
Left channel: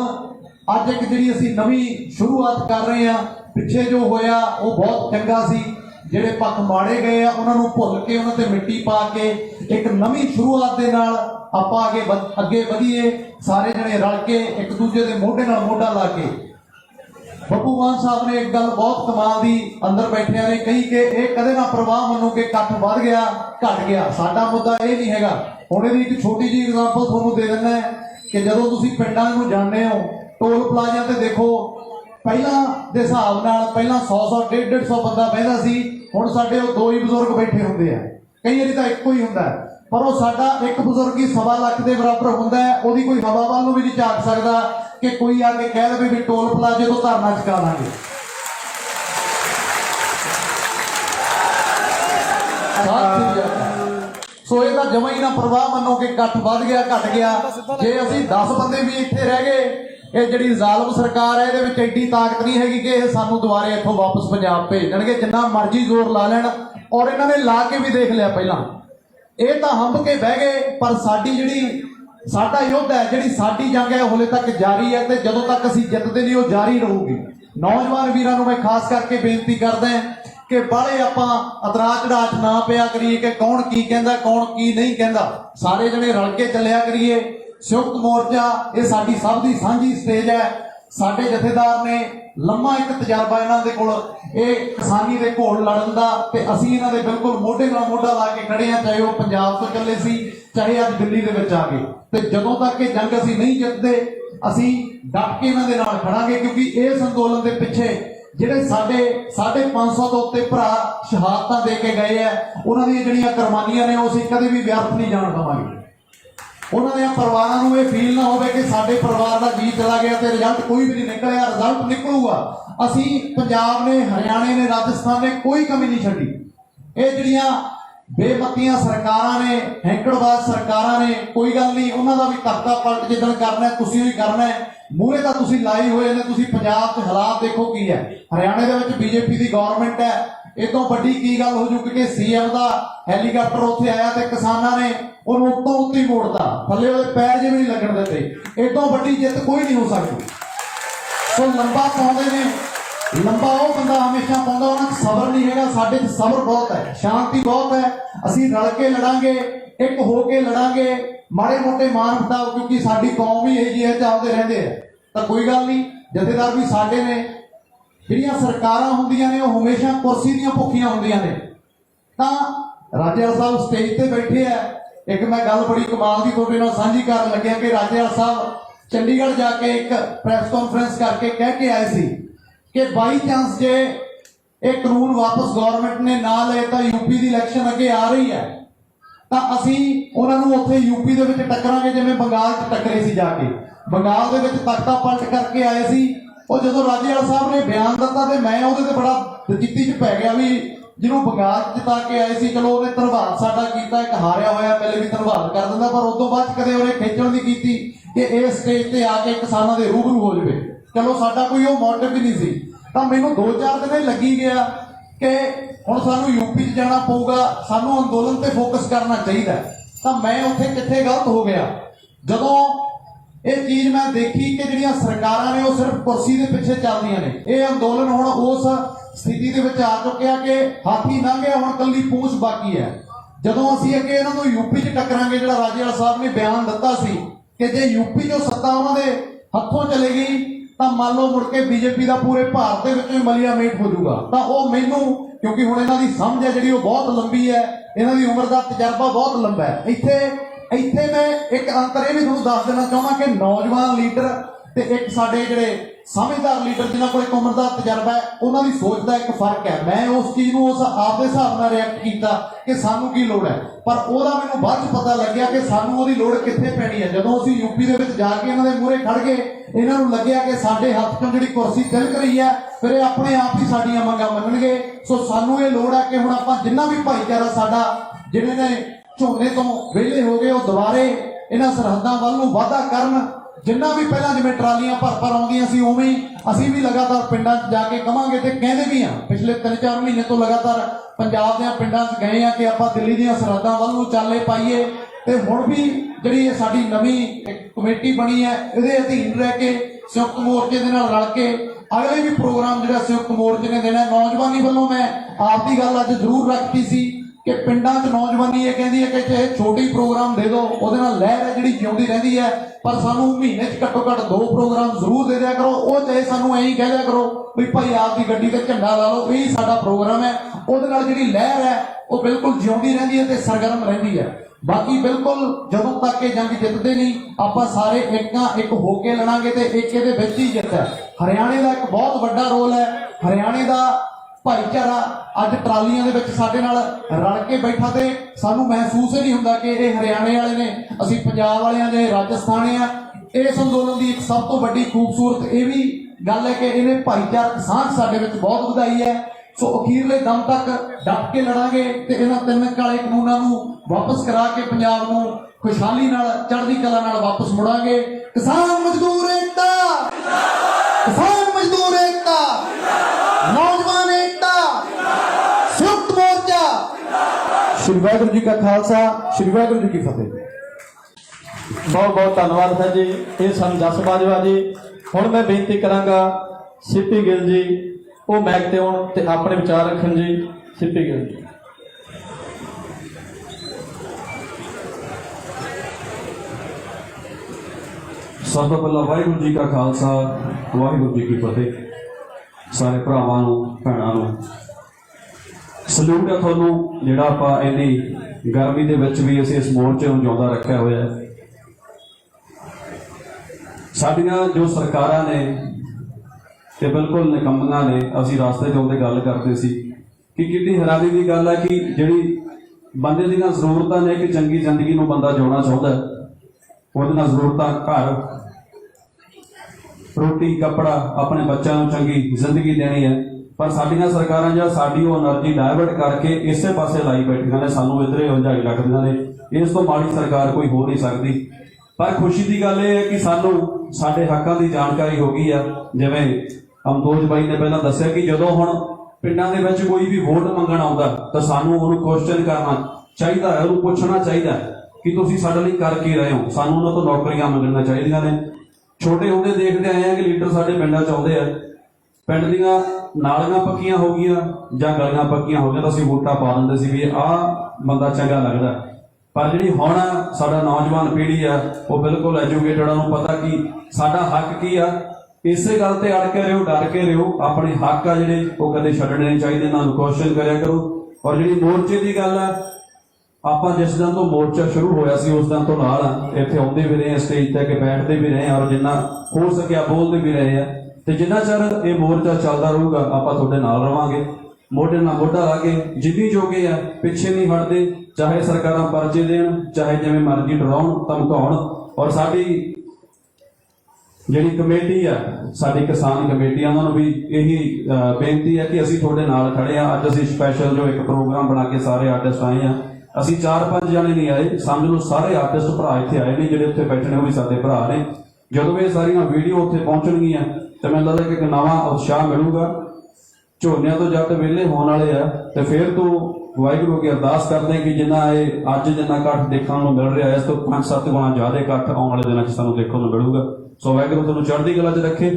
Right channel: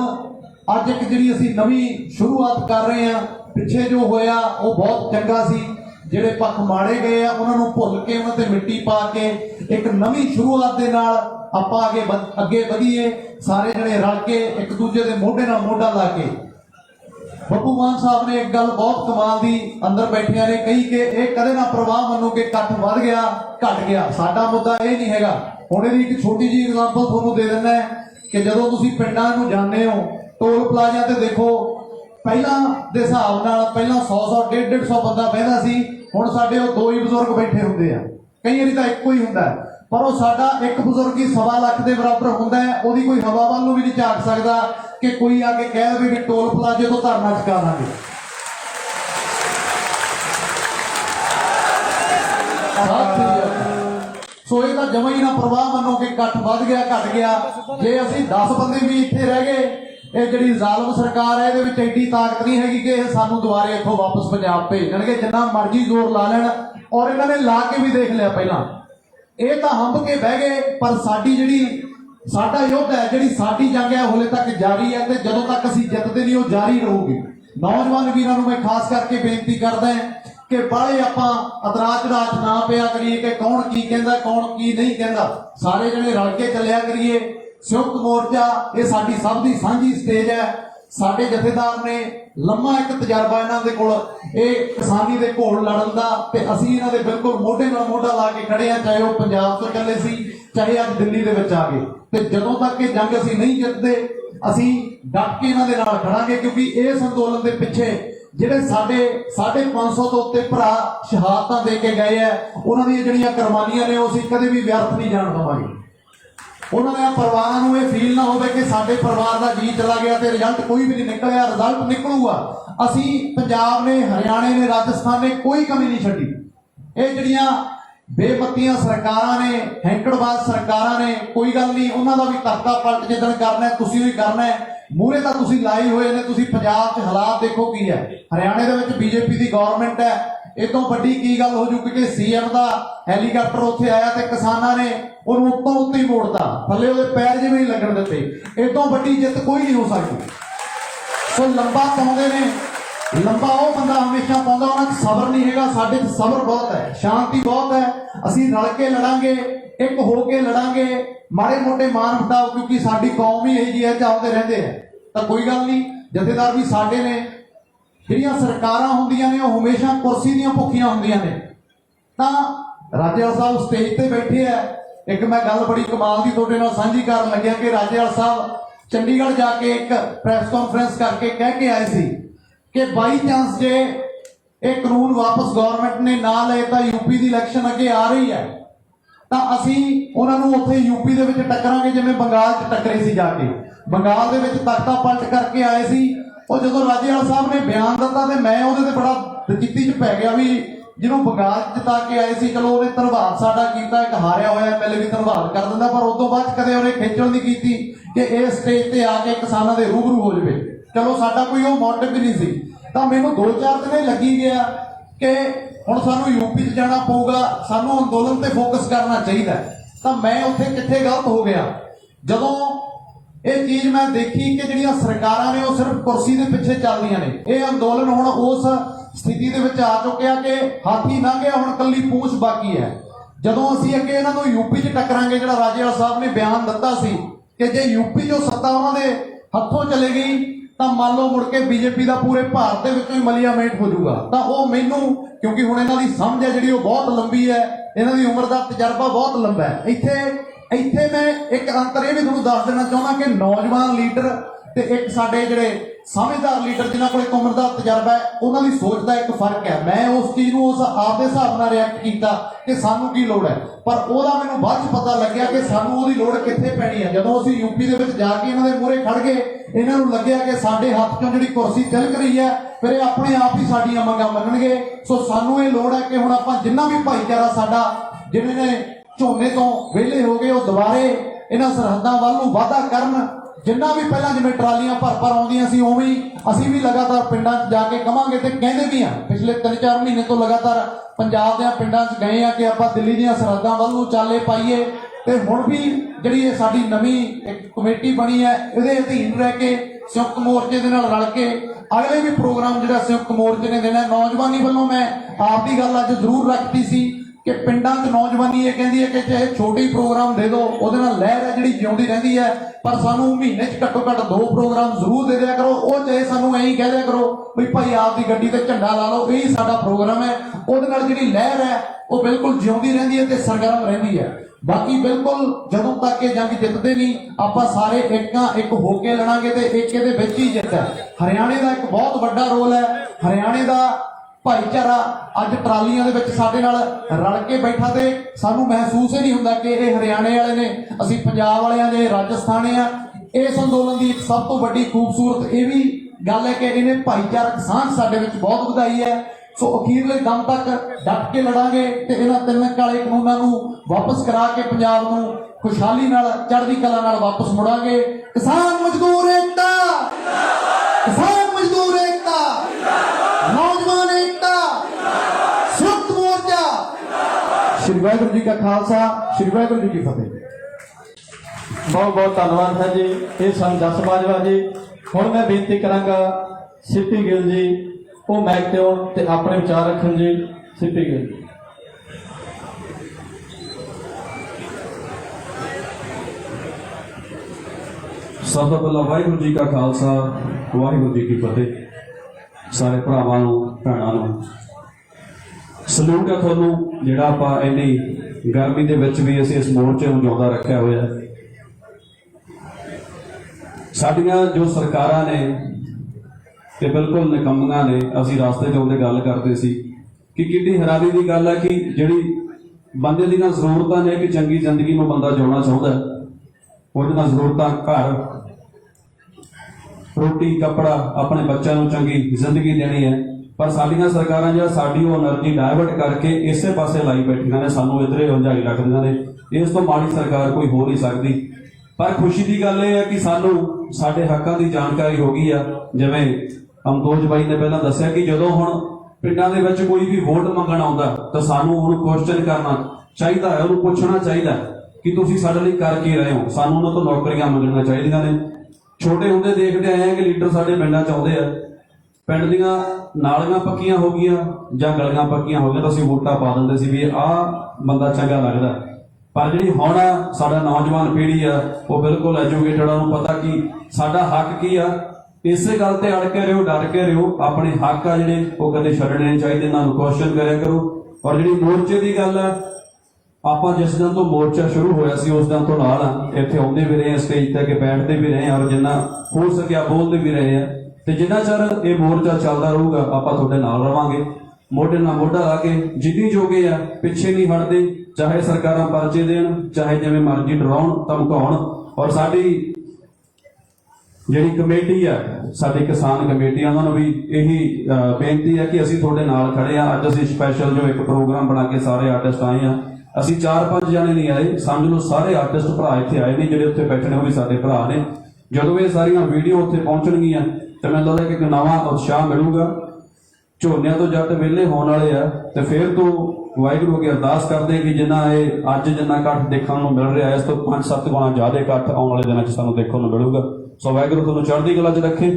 ਅੱਜ ਇੱਕ ਜਿਹੜੀ ਅਸੀਂ ਨਵੀਂ ਸ਼ੁਰੂਆਤ ਕਰ ਰਹੇ ਆ, ਪਿੱਛੇ ਜੋ ਹੋਇਆ ਉਹ ਬਹੁਤ ਚੰਗਾ ਸੀ। ਜਿਹੜੇ ਪੱਖ ਮਾੜੇ ਗਏ ਆ ਉਹਨਾਂ ਨੂੰ ਭੁੱਲ ਕੇ, ਉਹਨਾਂ ਤੇ ਮਿੱਟੀ ਪਾ ਕੇ ਇੱਕ ਨਵੀਂ ਸ਼ੁਰੂਆਤ ਦੇ ਨਾਲ ਆਪਾਂ ਅੱਗੇ ਵਧੀਏ। ਸਾਰੇ ਜਣੇ ਰਲ ਕੇ ਇੱਕ ਦੂਜੇ ਦੇ ਮੋਢੇ ਨਾਲ ਮੋਢਾ ਲਾ ਕੇ। ਬੱਬੂ ਮਾਨ ਸਾਹਿਬ ਨੇ ਇੱਕ ਗੱਲ ਬਹੁਤ ਕਮਾਲ ਦੀ ਅੰਦਰ ਬੈਠਿਆਂ ਨੇ ਕਹੀ ਕਿ ਇਹ ਕਦੇ ਨਾ ਪ੍ਰਵਾਹ ਮੰਨੋ ਕਿ ਇਕੱਠ ਵੱਧ ਗਿਆ ਘਟ ਗਿਆ। ਸਾਡਾ ਮੁੱਦਾ ਇਹ ਨਹੀਂ ਹੈਗਾ। ਹੁਣ ਇਹਦੀ ਇੱਕ ਛੋਟੀ ਜਿਹੀ ਐਗਜ਼ਾਮਪਲ ਤੁਹਾਨੂੰ ਦੇ ਦਿੰਦਾ ਕਿ ਜਦੋਂ ਤੁਸੀਂ ਪਿੰਡਾਂ ਨੂੰ ਜਾਂਦੇ ਹੋ, ਟੋਲ ਪਲਾਜ਼ਾ ਤੇ ਦੇਖੋ, ਪਹਿਲਾਂ ਦੇ ਹਿਸਾਬ ਨਾਲ ਪਹਿਲਾਂ 100 150 ਬੰਦਾ ਬਹਿੰਦਾ ਸੀ, ਹੁਣ ਸਾਡੇ ਉਹ 2 ਹੀ ਬਜ਼ੁਰਗ ਬੈਠੇ ਹੁੰਦੇ ਆ, ਕਈ ਵਾਰੀ ਤਾਂ ਇੱਕੋ ਹੀ ਹੁੰਦਾ। ਪਰ ਉਹ ਸਾਡਾ ਇੱਕ ਬਜ਼ੁਰਗ ਹੀ 1.25 ਲੱਖ ਦੇ ਬਰਾਬਰ ਹੁੰਦਾ ਹੈ। ਉਹਦੀ ਕੋਈ ਹਵਾ ਵੱਲ ਨੂੰ ਵੀ ਨਹੀਂ ਝਾਕ ਸਕਦਾ ਕਿ ਕੋਈ ਆ ਕੇ ਕਹਿ ਦੇਵੇ ਵੀ ਟੋਲ ਪਲਾਜ਼ੇ ਤੋਂ ਧਰਨਾ ਚੁਕਾ ਦਾਂਗੇ। ਸੋ ਇਹਦਾ ਜਮਾਂ ਹੀ ਨਾ ਪ੍ਰਵਾਹ ਮੰਨੋ ਕਿ ਇਕੱਠ ਵੱਧ ਗਿਆ ਘਟ ਗਿਆ। ਜੇ ਅਸੀਂ 10 ਬੰਦੇ ਵੀ ਇੱਥੇ ਰਹਿ ਗਏ, ਇਹ ਜਿਹੜੀ ਜ਼ਾਲਮ ਸਰਕਾਰ ਹੈ ਇਹਦੇ ਵਿੱਚ ਐਡੀ ਤਾਕਤ ਨਹੀਂ ਹੈਗੀ ਕਿ ਇਹ ਸਾਨੂੰ ਦੁਬਾਰੇ ਇੱਥੋਂ ਵਾਪਸ ਪੰਜਾਬ ਭੇਜ ਦੇਣਗੇ। ਜਿੰਨਾ ਮਰਜ਼ੀ ਜ਼ੋਰ ਲਾ ਲੈਣ, ਔਰ ਇਹਨਾਂ ਨੇ ਲਾ ਕੇ ਵੀ ਦੇਖ ਲਿਆ ਪਹਿਲਾਂ, ਇਹ ਤਾਂ ਹੰਭ ਕੇ ਬਹਿ ਗਏ। ਪਰ ਸਾਡਾ ਯੁੱਧ ਹੈ, ਜਿਹੜੀ ਸਾਡੀ ਜੰਗ ਹੈ ਹਲੇ ਤੱਕ ਜਾਰੀ ਹੈ, ਤੇ ਜਦੋਂ ਤੱਕ ਅਸੀਂ ਜਿੱਤਦੇ ਨਹੀਂ ਉਹ ਜਾਰੀ ਰਹੂਗੀ। ਨੌਜਵਾਨ ਵੀਰਾਂ ਨੂੰ ਮੈਂ ਖਾਸ ਕਰਕੇ ਬੇਨਤੀ ਕਰਦਾ ਕਿ ਬਾਹਲੇ ਆਪਾਂ ਇਤਰਾਜ਼ ਚੜਾਅ ਨਾ ਪਿਆ ਕਰੀਏ ਕਿ ਕੌਣ ਕੀ ਕਹਿੰਦਾ ਕੌਣ ਕੀ ਨਹੀਂ ਕਹਿੰਦਾ। ਸਾਰੇ ਜਣੇ ਰਲ ਕੇ ਚੱਲਿਆ ਕਰੀਏ। ਸੰਯੁਕਤ ਮੋਰਚਾ ਇਹ ਸਾਡੀ ਸਭ ਦੀ ਸਾਂਝੀ ਸਟੇਜ ਹੈ। ਸਾਡੇ ਜਥੇਦਾਰ ਨੇ ਲੰਮਾ ਇੱਕ ਤਜਰਬਾ ਇਹਨਾਂ ਦੇ ਕੋਲ ਇਹ ਕਿਸਾਨੀ ਦੇ ਘੋਲ ਲੜਨ ਦਾ, ਤੇ ਅਸੀਂ ਇਹਨਾਂ ਦੇ ਬਿਲਕੁਲ ਮੋਢੇ ਨਾਲ ਮੋਢਾ ਲਾ ਕੇ ਖੜੇ ਆ, ਚਾਹੇ ਉਹ ਪੰਜਾਬ ਤੋਂ ਚੱਲੇ ਸੀ, ਚਾਹੇ ਅੱਜ ਦਿੱਲੀ ਦੇ ਵਿੱਚ ਆ ਗਏ। ਤੇ ਜਦੋਂ ਤੱਕ ਇਹ ਜੰਗ ਅਸੀਂ ਨਹੀਂ ਜਿੱਤਦੇ, ਅਸੀਂ ਡਟ ਕੇ ਇਹਨਾਂ ਦੇ ਨਾਲ ਖੜਾਂਗੇ, ਕਿਉਂਕਿ ਇਸ ਅੰਦੋਲਨ ਦੇ ਪਿੱਛੇ ਜਿਹੜੇ ਸਾਡੇ 550 ਤੋਂ ਉੱਤੇ ਭਰਾ ਸ਼ਹਾਦਤਾਂ ਦੇ ਕੇ ਗਏ ਆ, ਉਹਨਾਂ ਦੀਆਂ ਜਿਹੜੀਆਂ ਕੁਰਬਾਨੀਆਂ ਨੇ ਉਹ ਅਸੀਂ ਕਦੇ ਵੀ ਵਿਅਰਥ ਨਹੀਂ ਜਾਣ ਦੇਵਾਂਗੇ। ਉਹਨਾਂ ਦੇ ਪਰਿਵਾਰਾਂ ਨੂੰ ਇਹ ਫੀਲ ਨਾ ਹੋਵੇ ਕਿ ਸਾਡੇ ਪਰਿਵਾਰ ਦਾ ਜੀ ਚਲਾ ਗਿਆ ਤੇ ਰਿਜ਼ਲਟ ਕੋਈ ਵੀ ਨਹੀਂ ਨਿਕਲਿਆ। ਰਿਜ਼ਲਟ ਨਿਕਲੂਗਾ। ਅਸੀਂ ਪੰਜਾਬ ਨੇ, ਹਰਿਆਣੇ ਨੇ, ਰਾਜਸਥਾਨ ਨੇ ਕੋਈ ਕਮੀ ਨਹੀਂ ਛੱਡੀ। ਇਹ ਜਿਹੜੀਆਂ ਬੇਮਤੀਆਂ ਸਰਕਾਰਾਂ ਨੇ, ਹੈਂਕੜਬਾਜ਼ ਸਰਕਾਰਾਂ ਨੇ, ਕੋਈ ਗੱਲ ਨਹੀਂ, ਉਹਨਾਂ ਦਾ ਵੀ ਕਰਤਾ ਪਲਟ ਜਿੱਦਣ ਕਰਨਾ ਤੁਸੀਂ ਵੀ ਕਰਨਾ ਹੈ। ਮੂਹਰੇ ਤਾਂ ਤੁਸੀਂ ਲਾਏ ਹੋਏ ਨੇ। ਤੁਸੀਂ ਪੰਜਾਬ 'ਚ ਹਾਲਾਤ ਦੇਖੋ ਕੀ ਹੈ। ਹਰਿਆਣੇ ਦੇ ਵਿੱਚ ਬੀਜੇਪੀ ਦੀ ਗਵਰਨਮੈਂਟ ਹੈ। ਇਹ ਤੋਂ ਵੱਡੀ ਕੀ ਗੱਲ ਹੋ ਜੂ ਕਿ ਸੀਐਮ ਦਾ ਹੈਲੀਕਾਪਟਰ ਉੱਥੇ ਆਇਆ ਤੇ ਕਿਸਾਨਾਂ ਨੇ ਉਹਨੂੰ ਉੱਤੋਂ ਉੱਤੇ ਹੀ ਮੋੜਤਾ, ਥੱਲੇ ਉਹਦੇ ਪੈਰ ਜਿਵੇਂ ਨਹੀਂ ਲੱਗਣ ਦਿੱਤੇ। ਇਹ ਤੋਂ ਵੱਡੀ ਜਿੱਤ ਕੋਈ ਨਹੀਂ ਹੋ ਸਕਦੀ। ਸੋ ਲੰਬਾ ਪਾਉਂਦੇ ਨੇ, ਲੰਬਾ ਉਹ ਬੰਦਾ ਹਮੇਸ਼ਾ ਪਾਉਂਦਾ, ਉਹਨਾਂ 'ਚ ਸਬਰ ਨਹੀਂ ਹੈਗਾ। ਸਾਡੇ 'ਚ ਸਬਰ ਬਹੁਤ ਹੈ, ਸ਼ਾਂਤੀ ਬਹੁਤ ਹੈ। ਅਸੀਂ ਰਲ ਕੇ ਲੜਾਂਗੇ, ਇੱਕ ਹੋ ਕੇ ਲੜਾਂਗੇ, ਮਾੜੇ ਮੋਟੇ ਮਾਨ ਵਟਾਓ, ਕਿਉਂਕਿ ਸਾਡੀ ਕੌਮ ਹੀ ਇਹ ਜਿਹੀ ਹੈ, ਚਾਹੁੰਦੇ ਰਹਿੰਦੇ ਆ। ਤਾਂ ਕੋਈ ਗੱਲ ਨਹੀਂ, ਜਥੇਦਾਰ ਵੀ ਸਾਡੇ ਨੇ। ਜਿਹੜੀਆਂ ਸਰਕਾਰਾਂ ਹੁੰਦੀਆਂ ਨੇ ਉਹ ਹਮੇਸ਼ਾ ਕੁਰਸੀ ਦੀਆਂ ਭੁੱਖੀਆਂ ਹੁੰਦੀਆਂ ਨੇ। ਤਾਂ ਰਾਜੇਵਾਲ ਸਾਹਿਬ ਸਟੇਜ ਤੇ ਬੈਠੇ ਆ। ਇੱਕ ਮੈਂ ਗੱਲ ਬੜੀ ਕਮਾਲ ਦੀ ਤੁਹਾਡੇ ਨਾਲ ਸਾਂਝੀ ਕਰਨ ਲੱਗਿਆ ਕਿ ਰਾਜੇਵਾਲ ਸਾਹਿਬ ਚੰਡੀਗੜ੍ਹ ਜਾ ਕੇ ਇੱਕ ਪ੍ਰੈਸ ਕਾਨਫਰੰਸ ਕਰਕੇ ਕਹਿ ਕੇ ਆਏ ਸੀ ਕਿ ਬਾਈ ਚਾਂਸ ਜੇ ਇਹ ਕਾਨੂੰਨ ਵਾਪਸ ਗਵਰਨਮੈਂਟ ਨੇ ਨਾ ਲਏ ਤਾਂ ਯੂਪੀ ਦੀ ਇਲੈਕਸ਼ਨ ਅੱਗੇ ਆ ਰਹੀ ਹੈ, ਤਾਂ ਅਸੀਂ ਉਹਨਾਂ ਨੂੰ ਉੱਥੇ ਯੂਪੀ ਦੇ ਵਿੱਚ ਟੱਕਰਾਂਗੇ ਜਿਵੇਂ ਬੰਗਾਲ 'ਚ ਟੱਕਰੇ ਸੀ। ਜਾ ਕੇ ਬੰਗਾਲ ਦੇ ਵਿੱਚ ਤਖਤਾ ਪਲਟ ਕਰਕੇ ਆਏ ਸੀ। ਉਹ ਜਦੋਂ ਰਾਜੇਵਾਲ ਸਾਹਿਬ ਨੇ ਬਿਆਨ ਦਿੱਤਾ ਤੇ ਮੈਂ ਉਹਦੇ ਤੇ ਬੜਾ ਦਚਿੱਤੀ 'ਚ ਪੈ ਗਿਆ ਵੀ ਜਿਹਨੂੰ ਬੰਗਾਲ 'ਚ ਜਿਤਾ ਕੇ ਆਏ ਸੀ, ਚਲੋ ਉਹਨੇ ਧੰਨਵਾਦ ਸਾਡਾ ਕੀਤਾ, ਇੱਕ ਹਾਰਿਆ ਹੋਇਆ ਪਹਿਲੇ ਵੀ ਧੰਨਵਾਦ ਕਰ ਦਿੰਦਾ, ਪਰ ਉਦੋਂ ਬਾਅਦ ਕਦੇ ਉਹਨੇ ਖੇਚਲ ਨਹੀਂ ਕੀਤੀ ਕਿ ਇਹ ਸਟੇਜ ਤੇ ਆ ਕੇ ਕਿਸਾਨਾਂ ਦੇ ਰੂਬਰੂ ਹੋ ਜਾਵੇ। ਚਲੋ ਸਾਡਾ ਕੋਈ ਉਹ ਮੋਟਿਵ ਵੀ ਨਹੀਂ ਸੀ। ਤਾਂ ਮੈਨੂੰ 2-4 ਦਿਨ ਲੱਗੀ ਗਿਆ ਕਿ ਹੁਣ ਸਾਨੂੰ ਯੂਪੀ 'ਚ ਜਾਣਾ ਪਊਗਾ, ਸਾਨੂੰ ਅੰਦੋਲਨ ਤੇ ਫੋਕਸ ਕਰਨਾ ਚਾਹੀਦਾ। ਤਾਂ ਮੈਂ ਉੱਥੇ ਕਿੱਥੇ ਗਲਤ ਹੋ ਗਿਆ ਜਦੋਂ ਇਹ ਚੀਜ਼ ਮੈਂ ਦੇਖੀ ਕਿ ਜਿਹੜੀਆਂ ਸਰਕਾਰਾਂ ਨੇ ਉਹ ਸਿਰਫ ਕੁਰਸੀ ਦੇ ਪਿੱਛੇ ਚੱਲਦੀਆਂ ਨੇ। ਇਹ ਅੰਦੋਲਨ ਹੁਣ ਉਸ ਸਥਿਤੀ ਦੇ ਵਿੱਚ ਆ ਚੁੱਕਿਆ ਕਿ ਹਾਥੀ ਲੰਘ ਗਿਆ, ਹੁਣ ਕੱਲੀ ਪੂੰਛ ਬਾਕੀ ਹੈ। ਜਦੋਂ ਅਸੀਂ ਅੱਗੇ ਇਹਨਾਂ ਨੂੰ ਯੂਪੀ 'ਚ ਟੱਕਰਾਂਗੇ, ਜਿਹੜਾ ਰਾਜੇਵਾਲ ਸਾਹਿਬ ਨੇ ਬਿਆਨ ਦਿੱਤਾ ਸੀ ਕਿ ਜੇ ਯੂਪੀ 'ਚੋਂ ਸੱਤਾ ਉਹਨਾਂ ਦੇ ਹੱਥੋਂ ਚਲੇ ਗਈ ਤਾਂ ਮੰਨ ਲਓ ਮੁੜ ਕੇ ਬੀਜੇਪੀ ਦਾ ਪੂਰੇ ਭਾਰਤ ਦੇ ਵਿੱਚੋਂ ਹੀ ਮਲੀਆਮੇਟ ਹੋ ਜਾਊਗਾ। ਤਾਂ ਉਹ ਮੈਨੂੰ, ਕਿਉਂਕਿ ਹੁਣ ਇਹਨਾਂ ਦੀ ਸਮਝ ਹੈ ਜਿਹੜੀ ਉਹ ਬਹੁਤ ਲੰਬੀ ਹੈ, ਇਹਨਾਂ ਦੀ ਉਮਰ ਦਾ ਤਜਰਬਾ ਬਹੁਤ ਲੰਬਾ ਹੈ। ਇੱਥੇ ਮੈਂ ਇੱਕ ਅੰਤਰ ਇਹ ਵੀ ਤੁਹਾਨੂੰ ਦੱਸ ਦੇਣਾ ਚਾਹੁੰਦਾ ਕਿ ਨੌਜਵਾਨ ਲੀਡਰ ਤੇ ਇੱਕ ਸਾਡੇ ਜਿਹੜੇ ਸਮਝਦਾਰ ਲੀਡਰ ਜਿਨ੍ਹਾਂ ਕੋਲ ਇੱਕ ਉਮਰ ਦਾ ਤਜਰਬਾ ਹੈ, ਉਹਨਾਂ ਦੀ ਸੋਚ ਦਾ ਇੱਕ ਫਰਕ ਹੈ। ਮੈਂ ਉਸ ਚੀਜ਼ ਨੂੰ ਉਸ ਆਪਦੇ ਹਿਸਾਬ ਨਾਲ ਰਿਐਕਟ ਕੀਤਾ ਕਿ ਸਾਨੂੰ ਕੀ ਲੋੜ ਹੈ, ਪਰ ਉਹਦਾ ਮੈਨੂੰ ਬਾਅਦ 'ਚ ਪਤਾ ਲੱਗਿਆ ਕਿ ਸਾਨੂੰ ਉਹਦੀ ਲੋੜ ਕਿੱਥੇ ਪੈਣੀ ਹੈ। ਜਦੋਂ ਅਸੀਂ ਯੂਪੀ ਦੇ ਵਿੱਚ ਜਾ ਕੇ ਇਹਨਾਂ ਦੇ ਮੂਹਰੇ ਖੜ ਗਏ, ਇਹਨਾਂ ਨੂੰ ਲੱਗਿਆ ਕਿ ਸਾਡੇ ਹੱਥ 'ਚੋਂ ਜਿਹੜੀ ਕੁਰਸੀ ਤਿਲਕ ਰਹੀ ਹੈ, ਫਿਰ ਇਹ ਆਪਣੇ ਆਪ ਹੀ ਸਾਡੀਆਂ ਮੰਗਾਂ ਮੰਨਣਗੇ। ਸੋ ਸਾਨੂੰ ਇਹ ਲੋੜ ਹੈ ਕਿ ਹੁਣ ਆਪਾਂ ਜਿੰਨਾ ਵੀ ਭਾਈਚਾਰਾ ਸਾਡਾ, ਜਿਨ੍ਹਾਂ ਨੇ ਝੋਨੇ ਤੋਂ ਵਿਹਲੇ ਹੋ ਗਏ, ਉਹ ਦੁਬਾਰੇ ਇਹਨਾਂ ਸਰਹੱਦਾਂ ਵੱਲ ਨੂੰ ਵਾਧਾ ਕਰਨ। ਜਿੰਨਾ ਵੀ ਪਹਿਲਾਂ ਜਿਵੇਂ ਟਰਾਲੀਆਂ ਭਰ ਆਉਂਦੀਆਂ ਸੀ, ਉਵੇਂ ਹੀ ਅਸੀਂ ਵੀ ਲਗਾਤਾਰ ਪਿੰਡਾਂ 'ਚ ਜਾ ਕੇ ਕਵਾਂਗੇ ਤੇ ਕਹਿੰਦੇ ਵੀ ਆ। ਪਿਛਲੇ 3-4 ਮਹੀਨੇ ਤੋਂ ਲਗਾਤਾਰ ਪੰਜਾਬ ਦੇ ਪਿੰਡਾਂ 'ਚ ਗਏ ਆ ਕਿ ਆਪਾਂ ਦਿੱਲੀ ਦੀਆਂ ਸਰਹੱਦਾਂ ਵੱਲ ਨੂੰ ਚਾਲੇ ਪਾਈਏ। ਤੇ ਹੁਣ ਵੀ ਜਿਹੜੀ ਇਹ ਸਾਡੀ ਨਵੀਂ ਇੱਕ ਕਮੇਟੀ ਬਣੀ ਹੈ, ਇਹਦੇ ਅਧੀਨ ਰਹਿ ਕੇ ਸੰਯੁਕਤ ਮੋਰਚੇ ਦੇ ਨਾਲ ਰਲ ਕੇ ਅਗਲੇ ਵੀ ਪ੍ਰੋਗਰਾਮ ਜਿਹੜਾ ਸੰਯੁਕਤ ਮੋਰਚੇ ਨੇ ਦੇਣਾ। ਨੌਜਵਾਨੀ ਵੱਲੋਂ ਮੈਂ ਆਪਦੀ ਗੱਲ ਅੱਜ ਜ਼ਰੂਰ ਰੱਖਤੀ ਸੀ ਕਿ ਪਿੰਡਾਂ 'ਚ ਨੌਜਵਾਨੀ ਇਹ ਕਹਿੰਦੀ ਹੈ ਕਿ ਚਾਹੇ ਛੋਟੀ ਪ੍ਰੋਗਰਾਮ ਦੇ ਦਿਓ, ਉਹਦੇ ਨਾਲ ਲਹਿਰ ਹੈ ਜਿਹੜੀ ਜਿਉਂਦੀ ਰਹਿੰਦੀ ਹੈ, ਪਰ ਸਾਨੂੰ ਮਹੀਨੇ 'ਚ ਘੱਟੋ ਘੱਟ 2 ਪ੍ਰੋਗਰਾਮ ਜ਼ਰੂਰ ਦੇ ਦਿਆ ਕਰੋ। ਉਹ ਚਾਹੇ ਸਾਨੂੰ ਐਂ ਕਹਿ ਦਿਆ ਕਰੋ ਵੀ ਭਾਈ ਆਪ ਦੀ ਗੱਡੀ ਤੇ ਝੰਡਾ ਲਾ ਲਓ, ਇਹ ਸਾਡਾ ਪ੍ਰੋਗਰਾਮ ਹੈ। ਉਹਦੇ ਨਾਲ ਜਿਹੜੀ ਲਹਿਰ ਹੈ ਉਹ ਬਿਲਕੁਲ ਜਿਉਂਦੀ ਰਹਿੰਦੀ ਹੈ ਤੇ ਸਰਗਰਮ ਰਹਿੰਦੀ ਹੈ। ਬਾਕੀ ਬਿਲਕੁਲ ਜਦੋਂ ਤੱਕ ਇਹ ਜੰਗ ਜਿੱਤਦੇ ਨਹੀਂ, ਆਪਾਂ ਸਾਰੇ ਇੱਕ ਹੋ ਕੇ ਲੜਾਂਗੇ ਤੇ ਇੱਕ ਇਹਦੇ ਵਿੱਚ ਹੀ ਜਿੱਤ ਹੈ। ਹਰਿਆਣੇ ਦਾ ਇੱਕ ਬਹੁਤ ਵੱਡਾ ਰੋਲ ਹੈ। ਹਰਿਆਣੇ ਦਾ ਭਾਈਚਾਰਾ ਅੱਜ ਟਰਾਲੀਆਂ ਦੇ ਵਿੱਚ ਸਾਡੇ ਨਾਲ ਰਲ ਕੇ ਬੈਠਾ ਤੇ ਸਾਨੂੰ ਮਹਿਸੂਸ ਹੀ ਨਹੀਂ ਹੁੰਦਾ ਕਿ ਇਹ ਹਰਿਆਣੇ ਵਾਲੇ ਨੇ, ਅਸੀਂ ਪੰਜਾਬ ਵਾਲਿਆਂ ਦੇ ਰਾਜਸਥਾਨੀ ਆ। ਇਸ ਅੰਦੋਲਨ ਦੀ ਇੱਕ ਸਭ ਤੋਂ ਵੱਡੀ ਖੂਬਸੂਰਤ ਇਹ ਵੀ ਗੱਲ ਹੈ ਕਿ ਇਹਨੇ ਭਾਈਚਾਰਕ ਸਾਂਝ ਸਾਡੇ ਵਿੱਚ ਬਹੁਤ ਵਧਾਈ ਹੈ। ਸੋ ਅਖੀਰਲੇ ਦਮ ਤੱਕ ਡਟ ਕੇ ਲੜਾਂਗੇ ਤੇ ਇਹਨਾਂ 3 ਕਾਲੇ ਕਾਨੂੰਨਾਂ ਨੂੰ ਵਾਪਸ ਕਰਾ ਕੇ ਪੰਜਾਬ ਨੂੰ ਖੁਸ਼ਹਾਲੀ ਨਾਲ, ਚੜ੍ਹਦੀ ਕਲਾ ਨਾਲ ਵਾਪਸ ਮੁੜਾਂਗੇ। ਕਿਸਾਨ ਮਜ਼ਦੂਰ ਏਕਤਾ, ਕਿਸਾਨ ਮਜ਼ਦੂਰ ਏਕਤਾ, ਨੌਜਵਾਨ ਏਕਤਾ, ਸੰਯੁਕਤ ਮੋਰਚਾ। ਸ਼੍ਰੀ ਵਾਹਿਗੁਰੂ ਜੀ ਕਾ ਖਾਲਸਾ, ਸ਼੍ਰੀ ਵਾਹਿਗੁਰੂ ਜੀ ਕੀ ਫਤਿਹ। ਬਹੁਤ ਬਹੁਤ ਧੰਨਵਾਦ ਹੈ ਜੀ। ਇਹ ਸਨ ਜਸ ਬਾਜਵਾ ਜੀ। ਹੁਣ ਮੈਂ ਬੇਨਤੀ ਕਰਾਂਗਾ ਸਿੱਪੀ ਗਿੱਲ ਜੀ, ਉਹ ਮੈਕ ਤੇ ਆਉਣ ਤੇ ਆਪਣੇ ਵਿਚਾਰ ਰੱਖਣ ਜੀ। ਸਿੱਪੀ ਗਿੱਲ ਜੀ। ਸਭ ਤੋਂ ਪਹਿਲਾਂ ਵਾਹਿਗੁਰੂ ਜੀ ਕਾ ਖਾਲਸਾ, ਵਾਹਿਗੁਰੂ ਜੀ ਕੀ ਫਤਿਹ। ਸਾਰੇ ਭਰਾਵਾਂ ਨੂੰ, ਭੈਣਾਂ ਨੂੰ ਸਲੂਟ ਹੈ ਤੁਹਾਨੂੰ, ਜਿਹੜਾ ਆਪਾਂ ਇੰਨੀ ਗਰਮੀ ਦੇ ਵਿੱਚ ਵੀ ਅਸੀਂ ਇਸ ਮੋਰਚੇ ਨੂੰ ਜਿਉਂਦਾ ਰੱਖਿਆ ਹੋਇਆ। ਸਾਡੀਆਂ ਜੋ ਸਰਕਾਰਾਂ ਨੇ ਇਹ ਬਿਲਕੁਲ ਨਿਕੰਮੀਆਂ ਨੇ। ਅਸੀਂ ਰਾਸਤੇ 'ਚ ਆਉਂਦੇ ਗੱਲ ਕਰਦੇ ਸੀ ਕਿ ਕਿੰਨੀ ਹੈਰਾਨੀ ਦੀ ਗੱਲ ਹੈ ਕਿ ਜਿਹੜੀ ਬੰਦੇ ਦੀਆਂ ਜ਼ਰੂਰਤਾਂ ਨੇ ਕਿ ਚੰਗੀ ਜ਼ਿੰਦਗੀ ਨੂੰ ਬੰਦਾ ਜਿਉਣਾ ਚਾਹੁੰਦਾ, ਉਹਦੇ ਨਾਲ ਜ਼ਰੂਰਤਾਂ ਘਰ, ਰੋਟੀ, ਕੱਪੜਾ, ਆਪਣੇ ਬੱਚਿਆਂ ਨੂੰ ਚੰਗੀ ਜ਼ਿੰਦਗੀ ਦੇਣੀ ਹੈ, ਪਰ ਸਾਡੀਆਂ ਸਰਕਾਰਾਂ ਜਿਹੜਾ ਸਾਡੀ ਉਹ એનર્ਜੀ ਡਾਇਵਰਟ ਕਰਕੇ ਇਸੇ ਪਾਸੇ ਲਾਈ ਬੈਠੀਆਂ ਨੇ। ਸਾਨੂੰ ਇੱਧਰੇ ਉਲਝਾਈ ਰੱਖਦੀਆਂ ਨੇ। ਇਸ ਤੋਂ ਮਾੜੀ ਸਰਕਾਰ ਕੋਈ ਹੋ ਨਹੀਂ ਸਕਦੀ। ਪਰ ਖੁਸ਼ੀ ਦੀ ਗੱਲ ਇਹ ਹੈ ਕਿ ਸਾਨੂੰ ਸਾਡੇ ਹੱਕਾਂ ਦੀ ਜਾਣਕਾਰੀ ਹੋ ਗਈ ਆ। ਜਿਵੇਂ ਅਮਤੋਜ ਬਾਈ ਨੇ ਪਹਿਲਾਂ ਦੱਸਿਆ ਕਿ ਜਦੋਂ ਹੁਣ ਪਿੰਡਾਂ ਦੇ ਵਿੱਚ ਕੋਈ ਵੀ ਵੋਟ ਮੰਗਣ ਆਉਂਦਾ ਤਾਂ ਸਾਨੂੰ ਉਹਨੂੰ ਕੁਐਸਚਨ ਕਰਨਾ ਚਾਹੀਦਾ ਹੈ, ਉਹਨੂੰ ਪੁੱਛਣਾ ਚਾਹੀਦਾ ਕਿ ਤੁਸੀਂ ਸਾਡੇ ਲਈ ਕਰ ਕੀ ਰਹੇ ਹੋ। ਸਾਨੂੰ ਉਹਨਾਂ ਤੋਂ ਨੌਕਰੀਆਂ ਮੰਗਣੀਆਂ ਚਾਹੀਦੀਆਂ ਨੇ। ਛੋਟੇ ਹੁੰਦੇ ਦੇਖਦੇ ਆਏ ਆ ਕਿ ਲੀਡਰ ਸਾਡੇ ਪਿੰਡਾਂ 'ਚ ਆਉਂਦੇ ਆ, ਪਿੰਡ ਦੀਆਂ ਨਾਲੀਆਂ ਪੱਕੀਆਂ ਹੋ ਗਈਆਂ ਜਾਂ ਗਲੀਆਂ ਪੱਕੀਆਂ ਹੋ ਗਈਆਂ ਤਾਂ ਅਸੀਂ ਵੋਟਾਂ ਪਾ ਦਿੰਦੇ ਸੀ ਵੀ ਆਹ ਬੰਦਾ ਚੰਗਾ ਲੱਗਦਾ। ਪਰ ਜਿਹੜੀ ਹੁਣ ਸਾਡਾ ਨੌਜਵਾਨ ਪੀੜ੍ਹੀ ਆ ਉਹ ਬਿਲਕੁਲ ਐਜੂਕੇਟਡ ਆ, ਉਹਨੂੰ ਪਤਾ ਕਿ ਸਾਡਾ ਹੱਕ ਕੀ ਆ। ਇਸੇ ਗੱਲ ਤੇ ਅੜ ਕੇ ਰਹੋ, ਡਰ ਕੇ ਰਹੋ। ਆਪਣੇ ਹੱਕ ਆ ਜਿਹੜੇ ਉਹ ਕਦੇ ਛੱਡਣੇ ਨਹੀਂ ਚਾਹੀਦੇ, ਇਹਨਾਂ ਨੂੰ ਕੁਐਸਚਨ ਕਰਿਆ ਕਰੋ। ਔਰ ਜਿਹੜੀ ਮੋਰਚੇ ਦੀ ਗੱਲ ਆ, ਆਪਾਂ ਜਿਸ ਦਿਨ ਤੋਂ ਮੋਰਚਾ ਸ਼ੁਰੂ ਹੋਇਆ ਸੀ ਉਸ ਦਿਨ ਤੋਂ ਨਾਲ ਆ। ਇੱਥੇ ਆਉਂਦੇ ਵੀ ਰਹੇ, ਸਟੇਜ ਤੇ ਬੈਠਦੇ ਵੀ ਰਹੇ ਔਰ ਜਿੰਨਾ ਹੋ ਸਕਿਆ ਬੋਲਦੇ ਵੀ ਰਹੇ ਆ। ਤੇ ਜਿੰਨਾ ਚਿਰ ਇਹ ਮੋਰਚਾ ਚੱਲਦਾ ਰਹੂਗਾ ਆਪਾਂ ਤੁਹਾਡੇ ਨਾਲ ਰਵਾਂਗੇ, ਮੋਢੇ ਨਾਲ ਮੋਢਾ ਲਾ ਕੇ। ਜਿੰਨੀ ਜੋਗੇ ਆ ਪਿੱਛੇ ਨਹੀਂ ਹਟਦੇ, ਚਾਹੇ ਸਰਕਾਰਾਂ ਪਰਚੇ ਦੇਣ, ਚਾਹੇ ਜਿਵੇਂ ਮਰਜ਼ੀ ਡਰਾਉਣ ਧਮਕਾਉਣ। ਔਰ ਸਾਡੀ ਜਿਹੜੀ ਕਮੇਟੀ ਆ, ਸਾਡੀ ਕਿਸਾਨ ਕਮੇਟੀ, ਉਹਨਾਂ ਨੂੰ ਵੀ ਇਹੀ ਬੇਨਤੀ ਹੈ ਕਿ ਅਸੀਂ ਤੁਹਾਡੇ ਨਾਲ ਖੜੇ ਆ। ਅੱਜ ਅਸੀਂ ਸਪੈਸ਼ਲ ਜੋ ਇੱਕ ਪ੍ਰੋਗਰਾਮ ਬਣਾ ਕੇ ਸਾਰੇ ਆਰਟਿਸਟ ਆਏ ਆ। ਅਸੀਂ 4-5 ਜਣੇ ਨਹੀਂ ਆਏ, ਸਮਝ ਲਓ ਸਾਰੇ ਆਰਟਿਸਟ ਭਰਾ ਇੱਥੇ ਆਏ ਨੇ। ਜਿਹੜੇ ਉੱਥੇ ਬੈਠੇ ਨੇ ਉਹ ਵੀ ਸਾਡੇ ਭਰਾ ਨੇ। ਜਦੋਂ ਇਹ ਸਾਰੀਆਂ ਵੀਡੀਓ ਉੱਥੇ ਪਹੁੰਚਣਗੀਆਂ ਤੇ ਮੈਨੂੰ ਲੱਗਦਾ ਕਿ ਇੱਕ ਨਵਾਂ ਉਤਸ਼ਾਹ ਮਿਲੂਗਾ। ਝੋਨਿਆਂ ਤੋਂ ਜਦ ਵਿਹਲੇ ਹੋਣ ਵਾਲੇ ਆ ਤੇ ਫਿਰ ਤੋਂ ਵਾਹਿਗੁਰੂ ਅੱਗੇ ਅਰਦਾਸ ਕਰਦੇ ਕਿ ਜਿੰਨਾ ਇਹ ਅੱਜ ਜਿੰਨਾ ਇਕੱਠ ਦੇਖਣ ਨੂੰ ਮਿਲ ਰਿਹਾ, ਇਸ ਤੋਂ 5-7 ਗੁਣਾ ਜ਼ਿਆਦਾ ਇਕੱਠ ਆਉਣ ਵਾਲੇ ਦਿਨਾਂ 'ਚ ਸਾਨੂੰ ਦੇਖਣ ਨੂੰ ਮਿਲੂਗਾ। ਸੋ ਵਾਹਿਗੁਰੂ ਤੁਹਾਨੂੰ ਚੜ੍ਹਦੀ ਕਲਾ 'ਚ ਰੱਖੇ।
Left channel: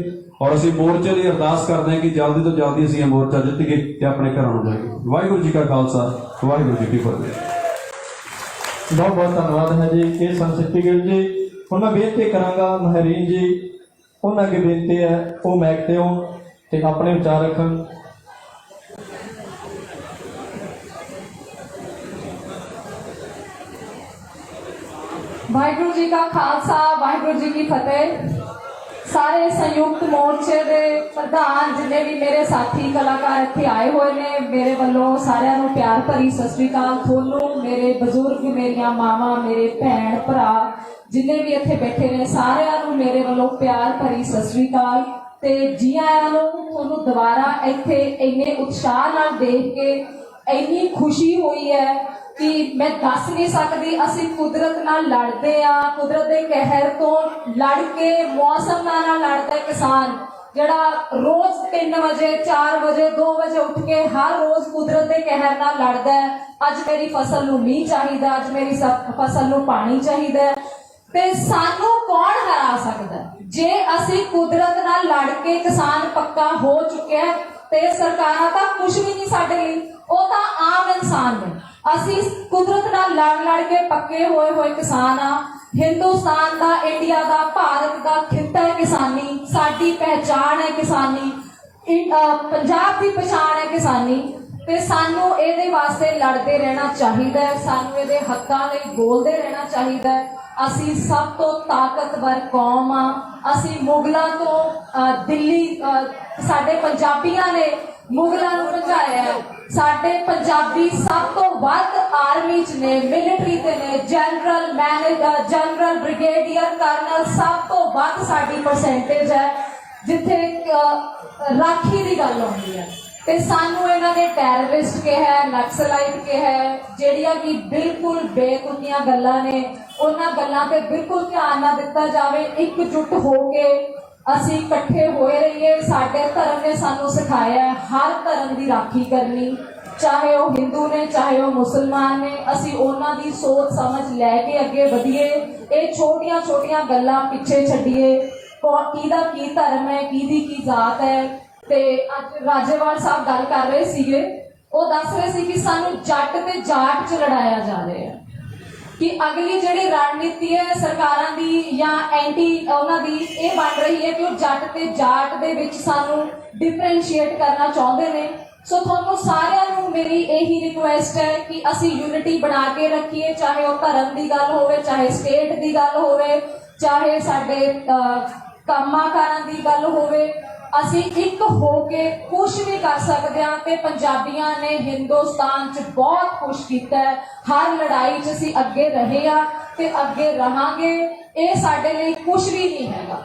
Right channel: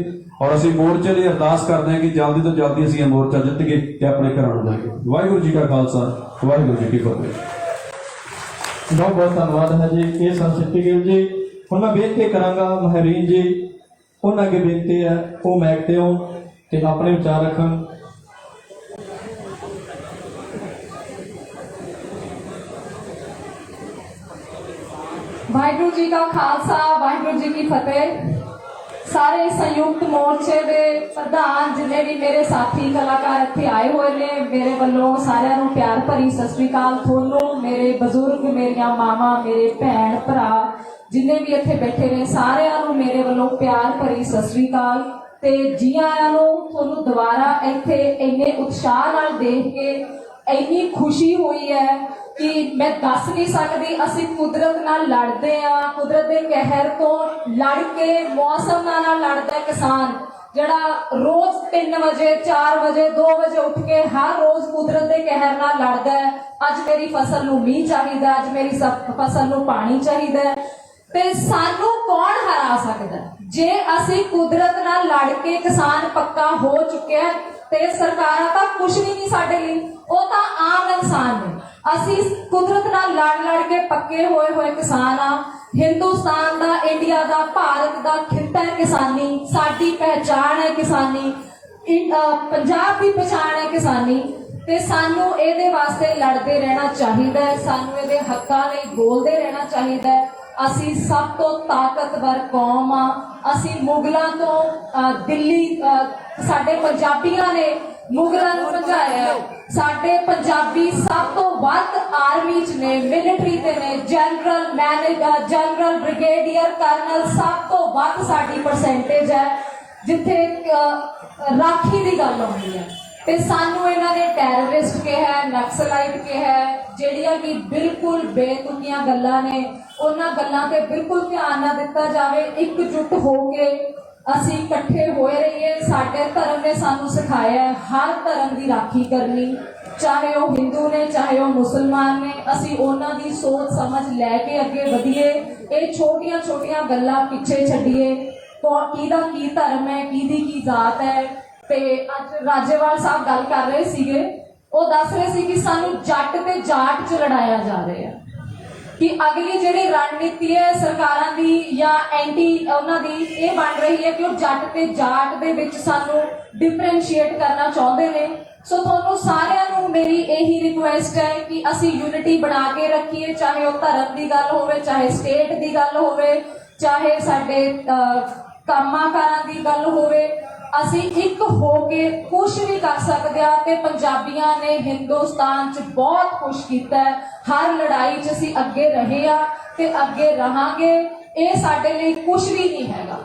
ਔਰ ਅਸੀਂ ਮੋਰਚੇ ਲਈ ਅਰਦਾਸ ਕਰਦੇ ਹਾਂ ਕਿ ਜਲਦੀ ਤੋਂ ਜਲਦੀ ਅਸੀਂ ਇਹ ਮੋਰਚਾ ਜਿੱਤੀਏ ਤੇ ਆਪਣੇ ਘਰਾਂ ਨੂੰ ਜਾਈਏ। ਵਾਹਿਗੁਰੂ ਜੀ ਕਾ ਖਾਲਸਾ, ਵਾਹਿਗੁਰੂ ਜੀ ਕੀ ਫਤਿਹ। ਬਹੁਤ ਬਹੁਤ ਧੰਨਵਾਦ ਹੈ ਜੀ। ਇਹ ਸਨ ਸਿੱਪੀ ਗਿੱਲ ਜੀ। ਹੁਣ ਮੈਂ ਬੇਨਤੀ ਕਰਾਂਗਾ ਮਹਿਰੀਨ ਜੀ, ਉਹਨਾਂ ਅੱਗੇ ਬੇਨਤੀ ਹੈ ਉਹ ਮੈਕ ਤੇ ਆਉਣ ਤੇ ਆਪਣੇ ਵਿਚਾਰ ਰੱਖਣ। ਵਾਹਿਗੁਰੂ ਜੀ ਕਾ ਖਾਲਸਾ, ਵਾਹਿਗੁਰੂ ਜੀ ਕੀ ਫਤਿਹ। ਸਾਰੇ ਸੰਯੁਕਤ ਮੋਰਚੇ ਦੇ ਪ੍ਰਧਾਨ, ਜਿੰਨੇ ਵੀ ਮੇਰੇ ਸਾਥੀ ਕਲਾਕਾਰ ਇੱਥੇ ਆਏ ਹੋਏ ਨੇ, ਮੇਰੇ ਵੱਲੋਂ ਸਾਰਿਆਂ ਨੂੰ ਪਿਆਰ ਭਰੀ ਸਤਿ ਸ੍ਰੀ ਅਕਾਲ। ਤੁਹਾਨੂੰ ਮੇਰੇ ਬਜ਼ੁਰਗ, ਮੇਰੀਆਂ ਮਾਵਾਂ, ਮੇਰੇ ਭੈਣ ਭਰਾ ਜਿੰਨੇ ਵੀ ਇੱਥੇ ਬੈਠੇ ਨੇ, ਸਾਰਿਆਂ ਨੂੰ ਮੇਰੇ ਵੱਲੋਂ ਪਿਆਰ ਭਰੀ ਸਤਿ ਸ੍ਰੀ ਅਕਾਲ ਤੇ ਜੀ ਆਇਆਂ ਨੂੰ। ਤੁਹਾਨੂੰ ਦੁਬਾਰਾ ਇੱਥੇ ਇੰਨੇ ਉਤਸ਼ਾਹ ਨਾਲ ਦੇਖ ਕੇ ਇੰਨੀ ਖੁਸ਼ੀ ਹੋਈ ਹੈ ਕਿ ਮੈਂ ਦੱਸ ਨਹੀਂ ਸਕਦੀ। ਅਸੀਂ ਕੁਦਰਤ ਨਾਲ ਲੜਦੇ ਆ, ਕੁਦਰਤ ਦੇ ਕਹਿਰ ਤੋਂ ਲੜ ਕੇ, ਮੌਸਮ ਨਾਲ ਲੜਦਾ ਕਿਸਾਨ ਜਿਹੜਾ ਰੋਜ਼ 3 ਵਜੇ 4 ਵਜੇ 2 ਵਜੇ ਉੱਠ ਕੇ ਹਰ ਰੋਜ਼ ਕੁਦਰਤ ਦੇ ਕਹਿਰ ਨਾਲ ਲੜਦਾ ਹੈ। ਅੱਜ ਮੇਰੀ ਫਸਲ ਨੂੰ ਮੀਂਹ ਚਾਹੀਦਾ, ਅੱਜ ਮੇਰੀ ਫਸਲ ਨੂੰ ਪਾਣੀ ਚਾਹੀਦਾ ਤੇ ਸਾਨੂੰ ਕੌਣ ਹਰਾ ਸਕਦਾ? ਜੇ ਅਸੀਂ ਕੁਦਰਤ ਨਾਲ ਲੜ ਕੇ ਕਿਸਾਨ ਪੱਕਾ ਹੋ ਚੁੱਕਿਆ ਤੇ ਸਰਕਾਰਾਂ ਤਾਂ ਕੁਝ ਵੀ ਨਹੀਂ ਸਾਡੇ ਲਈ, ਉਹ ਤਾਂ ਆਮ ਇਨਸਾਨ ਨੇ। ਅਸੀਂ ਕੁਦਰਤ ਨਾਲ ਲੜ ਕੇ ਪੱਕੇ ਹੋਏ ਕਿਸਾਨ ਆ। ਹਿੰਦੁਸਤਾਨ ਦਾ, ਇੰਡੀਆ ਦਾ, ਭਾਰਤ ਦਾ ਖਿੱਤਾ ਹੈ ਕਿਸਾਨੀ। ਸਾਡੀ ਪਹਿਚਾਣ ਹੈ ਕਿਸਾਨੀ। ਪੰਜਾਬ ਦੀ ਪਛਾਣ ਹੈ ਕਿਸਾਨੀ ਤੇ ਸਾਨੂੰ ਇਹਦੇ ਵਾਸਤੇ ਲੜਦੇ ਰਹਿਣਾ ਚਾਹੀਦਾ ਹੈ। ਸਾਨੂੰ ਇਹਦੇ ਹੱਕਾਂ ਲਈ ਬੋਲਦੇ ਰਹਿਣਾ ਚਾਹੀਦਾ ਹੈ। ਅਸੀਂ ਸਭ ਤੋਂ ਤਾਕਤਵਰ ਕੌਮ ਆ। ਅਸੀਂ ਮੁਗਲਾਂ ਤੋਂ ਦਿੱਲੀ, ਸਾਡੇ ਪੰਜਾਬੀਆਂ ਨੇ ਮੁਗਲਾਂ ਨੂੰ ਭਜਾਇਆ। ਸਾਡੇ ਪੰਜਾਬੀ ਸਭ ਤੋਂ ਵੱਧ ਆਰਮੀ 'ਚ ਨੇ, ਮਿਲਟਰੀ ਤੇ ਨੇ, ਜਨਰਲ, ਬ੍ਰਿਗੇਡੀਅਰ, ਕਰਨਲ, ਸਭ ਤੋਂ ਵੱਧ ਸਾਡੀ ਪਰਸੈਂਟੇਜ ਹੈ ਜਿੱਥੇ ਰਾਖੀ ਦੀ ਗੱਲ ਆਉਂਦੀ ਹੈ। ਤੇ ਸਾਨੂੰ ਇਹਨਾਂ ਨੇ ਟੈਰਰਿਸਟ ਕਿਹਾ, ਨਕਸਲਾਈਟ ਕਿਹਾ, ਜਿਹੜੀਆਂ ਕਿ ਬਿਲਕੁਲ ਬੇਤੁਕੀਆਂ ਗੱਲਾਂ ਨੇ। ਉਹਨਾਂ ਗੱਲਾਂ ਤੇ ਬਿਲਕੁਲ ਧਿਆਨ ਨਾ ਦਿੱਤਾ ਜਾਵੇ। ਇਕਜੁੱਟ ਹੋ ਕੇ ਅਸੀਂ ਇਕੱਠੇ ਹੋਏ ਰਹੀਏ। ਸਾਡੇ ਧਰਮ ਨੇ ਸਾਨੂੰ ਸਿਖਾਇਆ ਹਰ ਧਰਮ ਦੀ ਰਾਖੀ ਕਰਨੀ, ਚਾਹੇ ਉਹ ਹਿੰਦੂ ਨੇ, ਚਾਹੇ ਉਹ ਮੁਸਲਮਾਨ ਨੇ। ਅਸੀਂ ਉਹਨਾਂ ਦੀ ਸੋਚ ਸਮਝ ਲੈ ਕੇ ਅੱਗੇ ਵਧੀਏ। ਇਹ ਛੋਟੀਆਂ ਛੋਟੀਆਂ ਗੱਲਾਂ ਪਿੱਛੇ ਛੱਡੀਏ। ਕਿਹਦਾ ਕੀ ਧਰਮ ਹੈ, ਕਿਹਦੀ ਕੀ ਜ਼ਾਤ ਹੈ। ਤੇ ਅੱਜ ਰਾਜੇਵਾਲ ਸਾਹਿਬ ਗੱਲ ਕਰ ਰਹੇ ਸੀਗੇ, ਉਹ ਦੱਸ ਰਹੇ ਸੀ ਕਿ ਸਾਨੂੰ ਜੱਟ ਤੇ ਜਾਟ 'ਚ ਲੜਾਇਆ ਜਾ ਰਿਹਾ ਹੈ ਕਿ ਅਗਲੀ ਜਿਹੜੀ ਰਣਨੀਤੀ ਹੈ ਸਰਕਾਰਾਂ ਦੀ ਜਾਂ ਐਂਟੀ ਉਹਨਾਂ ਦੀ, ਇਹ ਬਣ ਰਹੀ ਹੈ ਕਿ ਉਹ ਜੱਟ ਤੇ ਜਾਟ ਦੇ ਵਿੱਚ ਸਾਨੂੰ ਡਿਫਰੈਂਸ਼ੀਏਟ ਕਰਨਾ ਚਾਹੁੰਦੇ ਨੇ। ਸੋ ਤੁਹਾਨੂੰ ਸਾਰਿਆਂ ਨੂੰ ਮੇਰੀ ਇਹੀ ਰਿਕੁਐਸਟ ਹੈ ਕਿ ਅਸੀਂ ਯੂਨਿਟੀ ਬਣਾ ਕੇ ਰੱਖੀਏ, ਚਾਹੇ ਉਹ ਧਰਮ ਦੀ ਗੱਲ ਹੋਵੇ, ਚਾਹੇ ਸਟੇਟ ਦੀ ਗੱਲ ਹੋਵੇ, ਚਾਹੇ ਸਾਡੇ ਕੰਮਾਂ-ਕਾਰਾਂ ਦੀ ਗੱਲ ਹੋਵੇ। ਅਸੀਂ ਇੱਕ ਹੋ ਕੇ ਕੁਛ ਵੀ ਕਰ ਸਕਦੇ ਹਾਂ ਤੇ ਪੰਜਾਬੀਆਂ ਨੇ ਹਿੰਦੁਸਤਾਨ 'ਚ ਬਹੁਤ ਕੁਛ ਕੀਤਾ ਹੈ। ਹਰ ਲੜਾਈ 'ਚ ਅਸੀਂ ਅੱਗੇ ਰਹੇ ਆ ਤੇ ਅੱਗੇ ਰਹਾਂਗੇ। ਇਹ ਸਾਡੇ ਲਈ ਕੁਛ ਵੀ ਨਹੀਂ ਹੈਗਾ।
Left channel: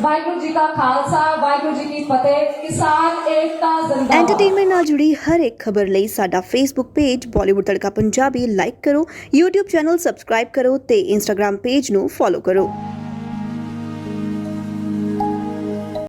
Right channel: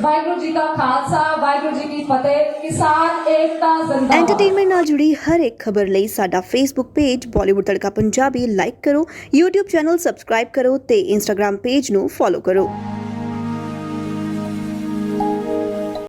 ਵਾਹਿਗੁਰੂ ਜੀ ਦਾ ਖਾਲਸਾ, ਵਾਹਿਗੁਰੂ ਜੀ ਕੀ ਫਤਿਹ। ਕਿਸਾਨ ਏਕਤਾ ਜ਼ਿੰਦਾਬਾਦ। ਐਂਟਰਟੇਨਮੈਂਟ ਨਾਲ ਜੁੜੀ ਹਰ ਇੱਕ ਖਬਰ ਲਈ ਸਾਡਾ ਫੇਸਬੁੱਕ ਪੇਜ ਬਾਲੀਵੁੱਡ ਤੜਕਾ ਪੰਜਾਬੀ ਲਾਈਕ ਕਰੋ, YouTube ਚੈਨਲ ਸਬਸਕ੍ਰਾਈਬ ਕਰੋ ਤੇ Instagram ਪੇਜ ਨੂੰ ਫੋਲੋ ਕਰੋ।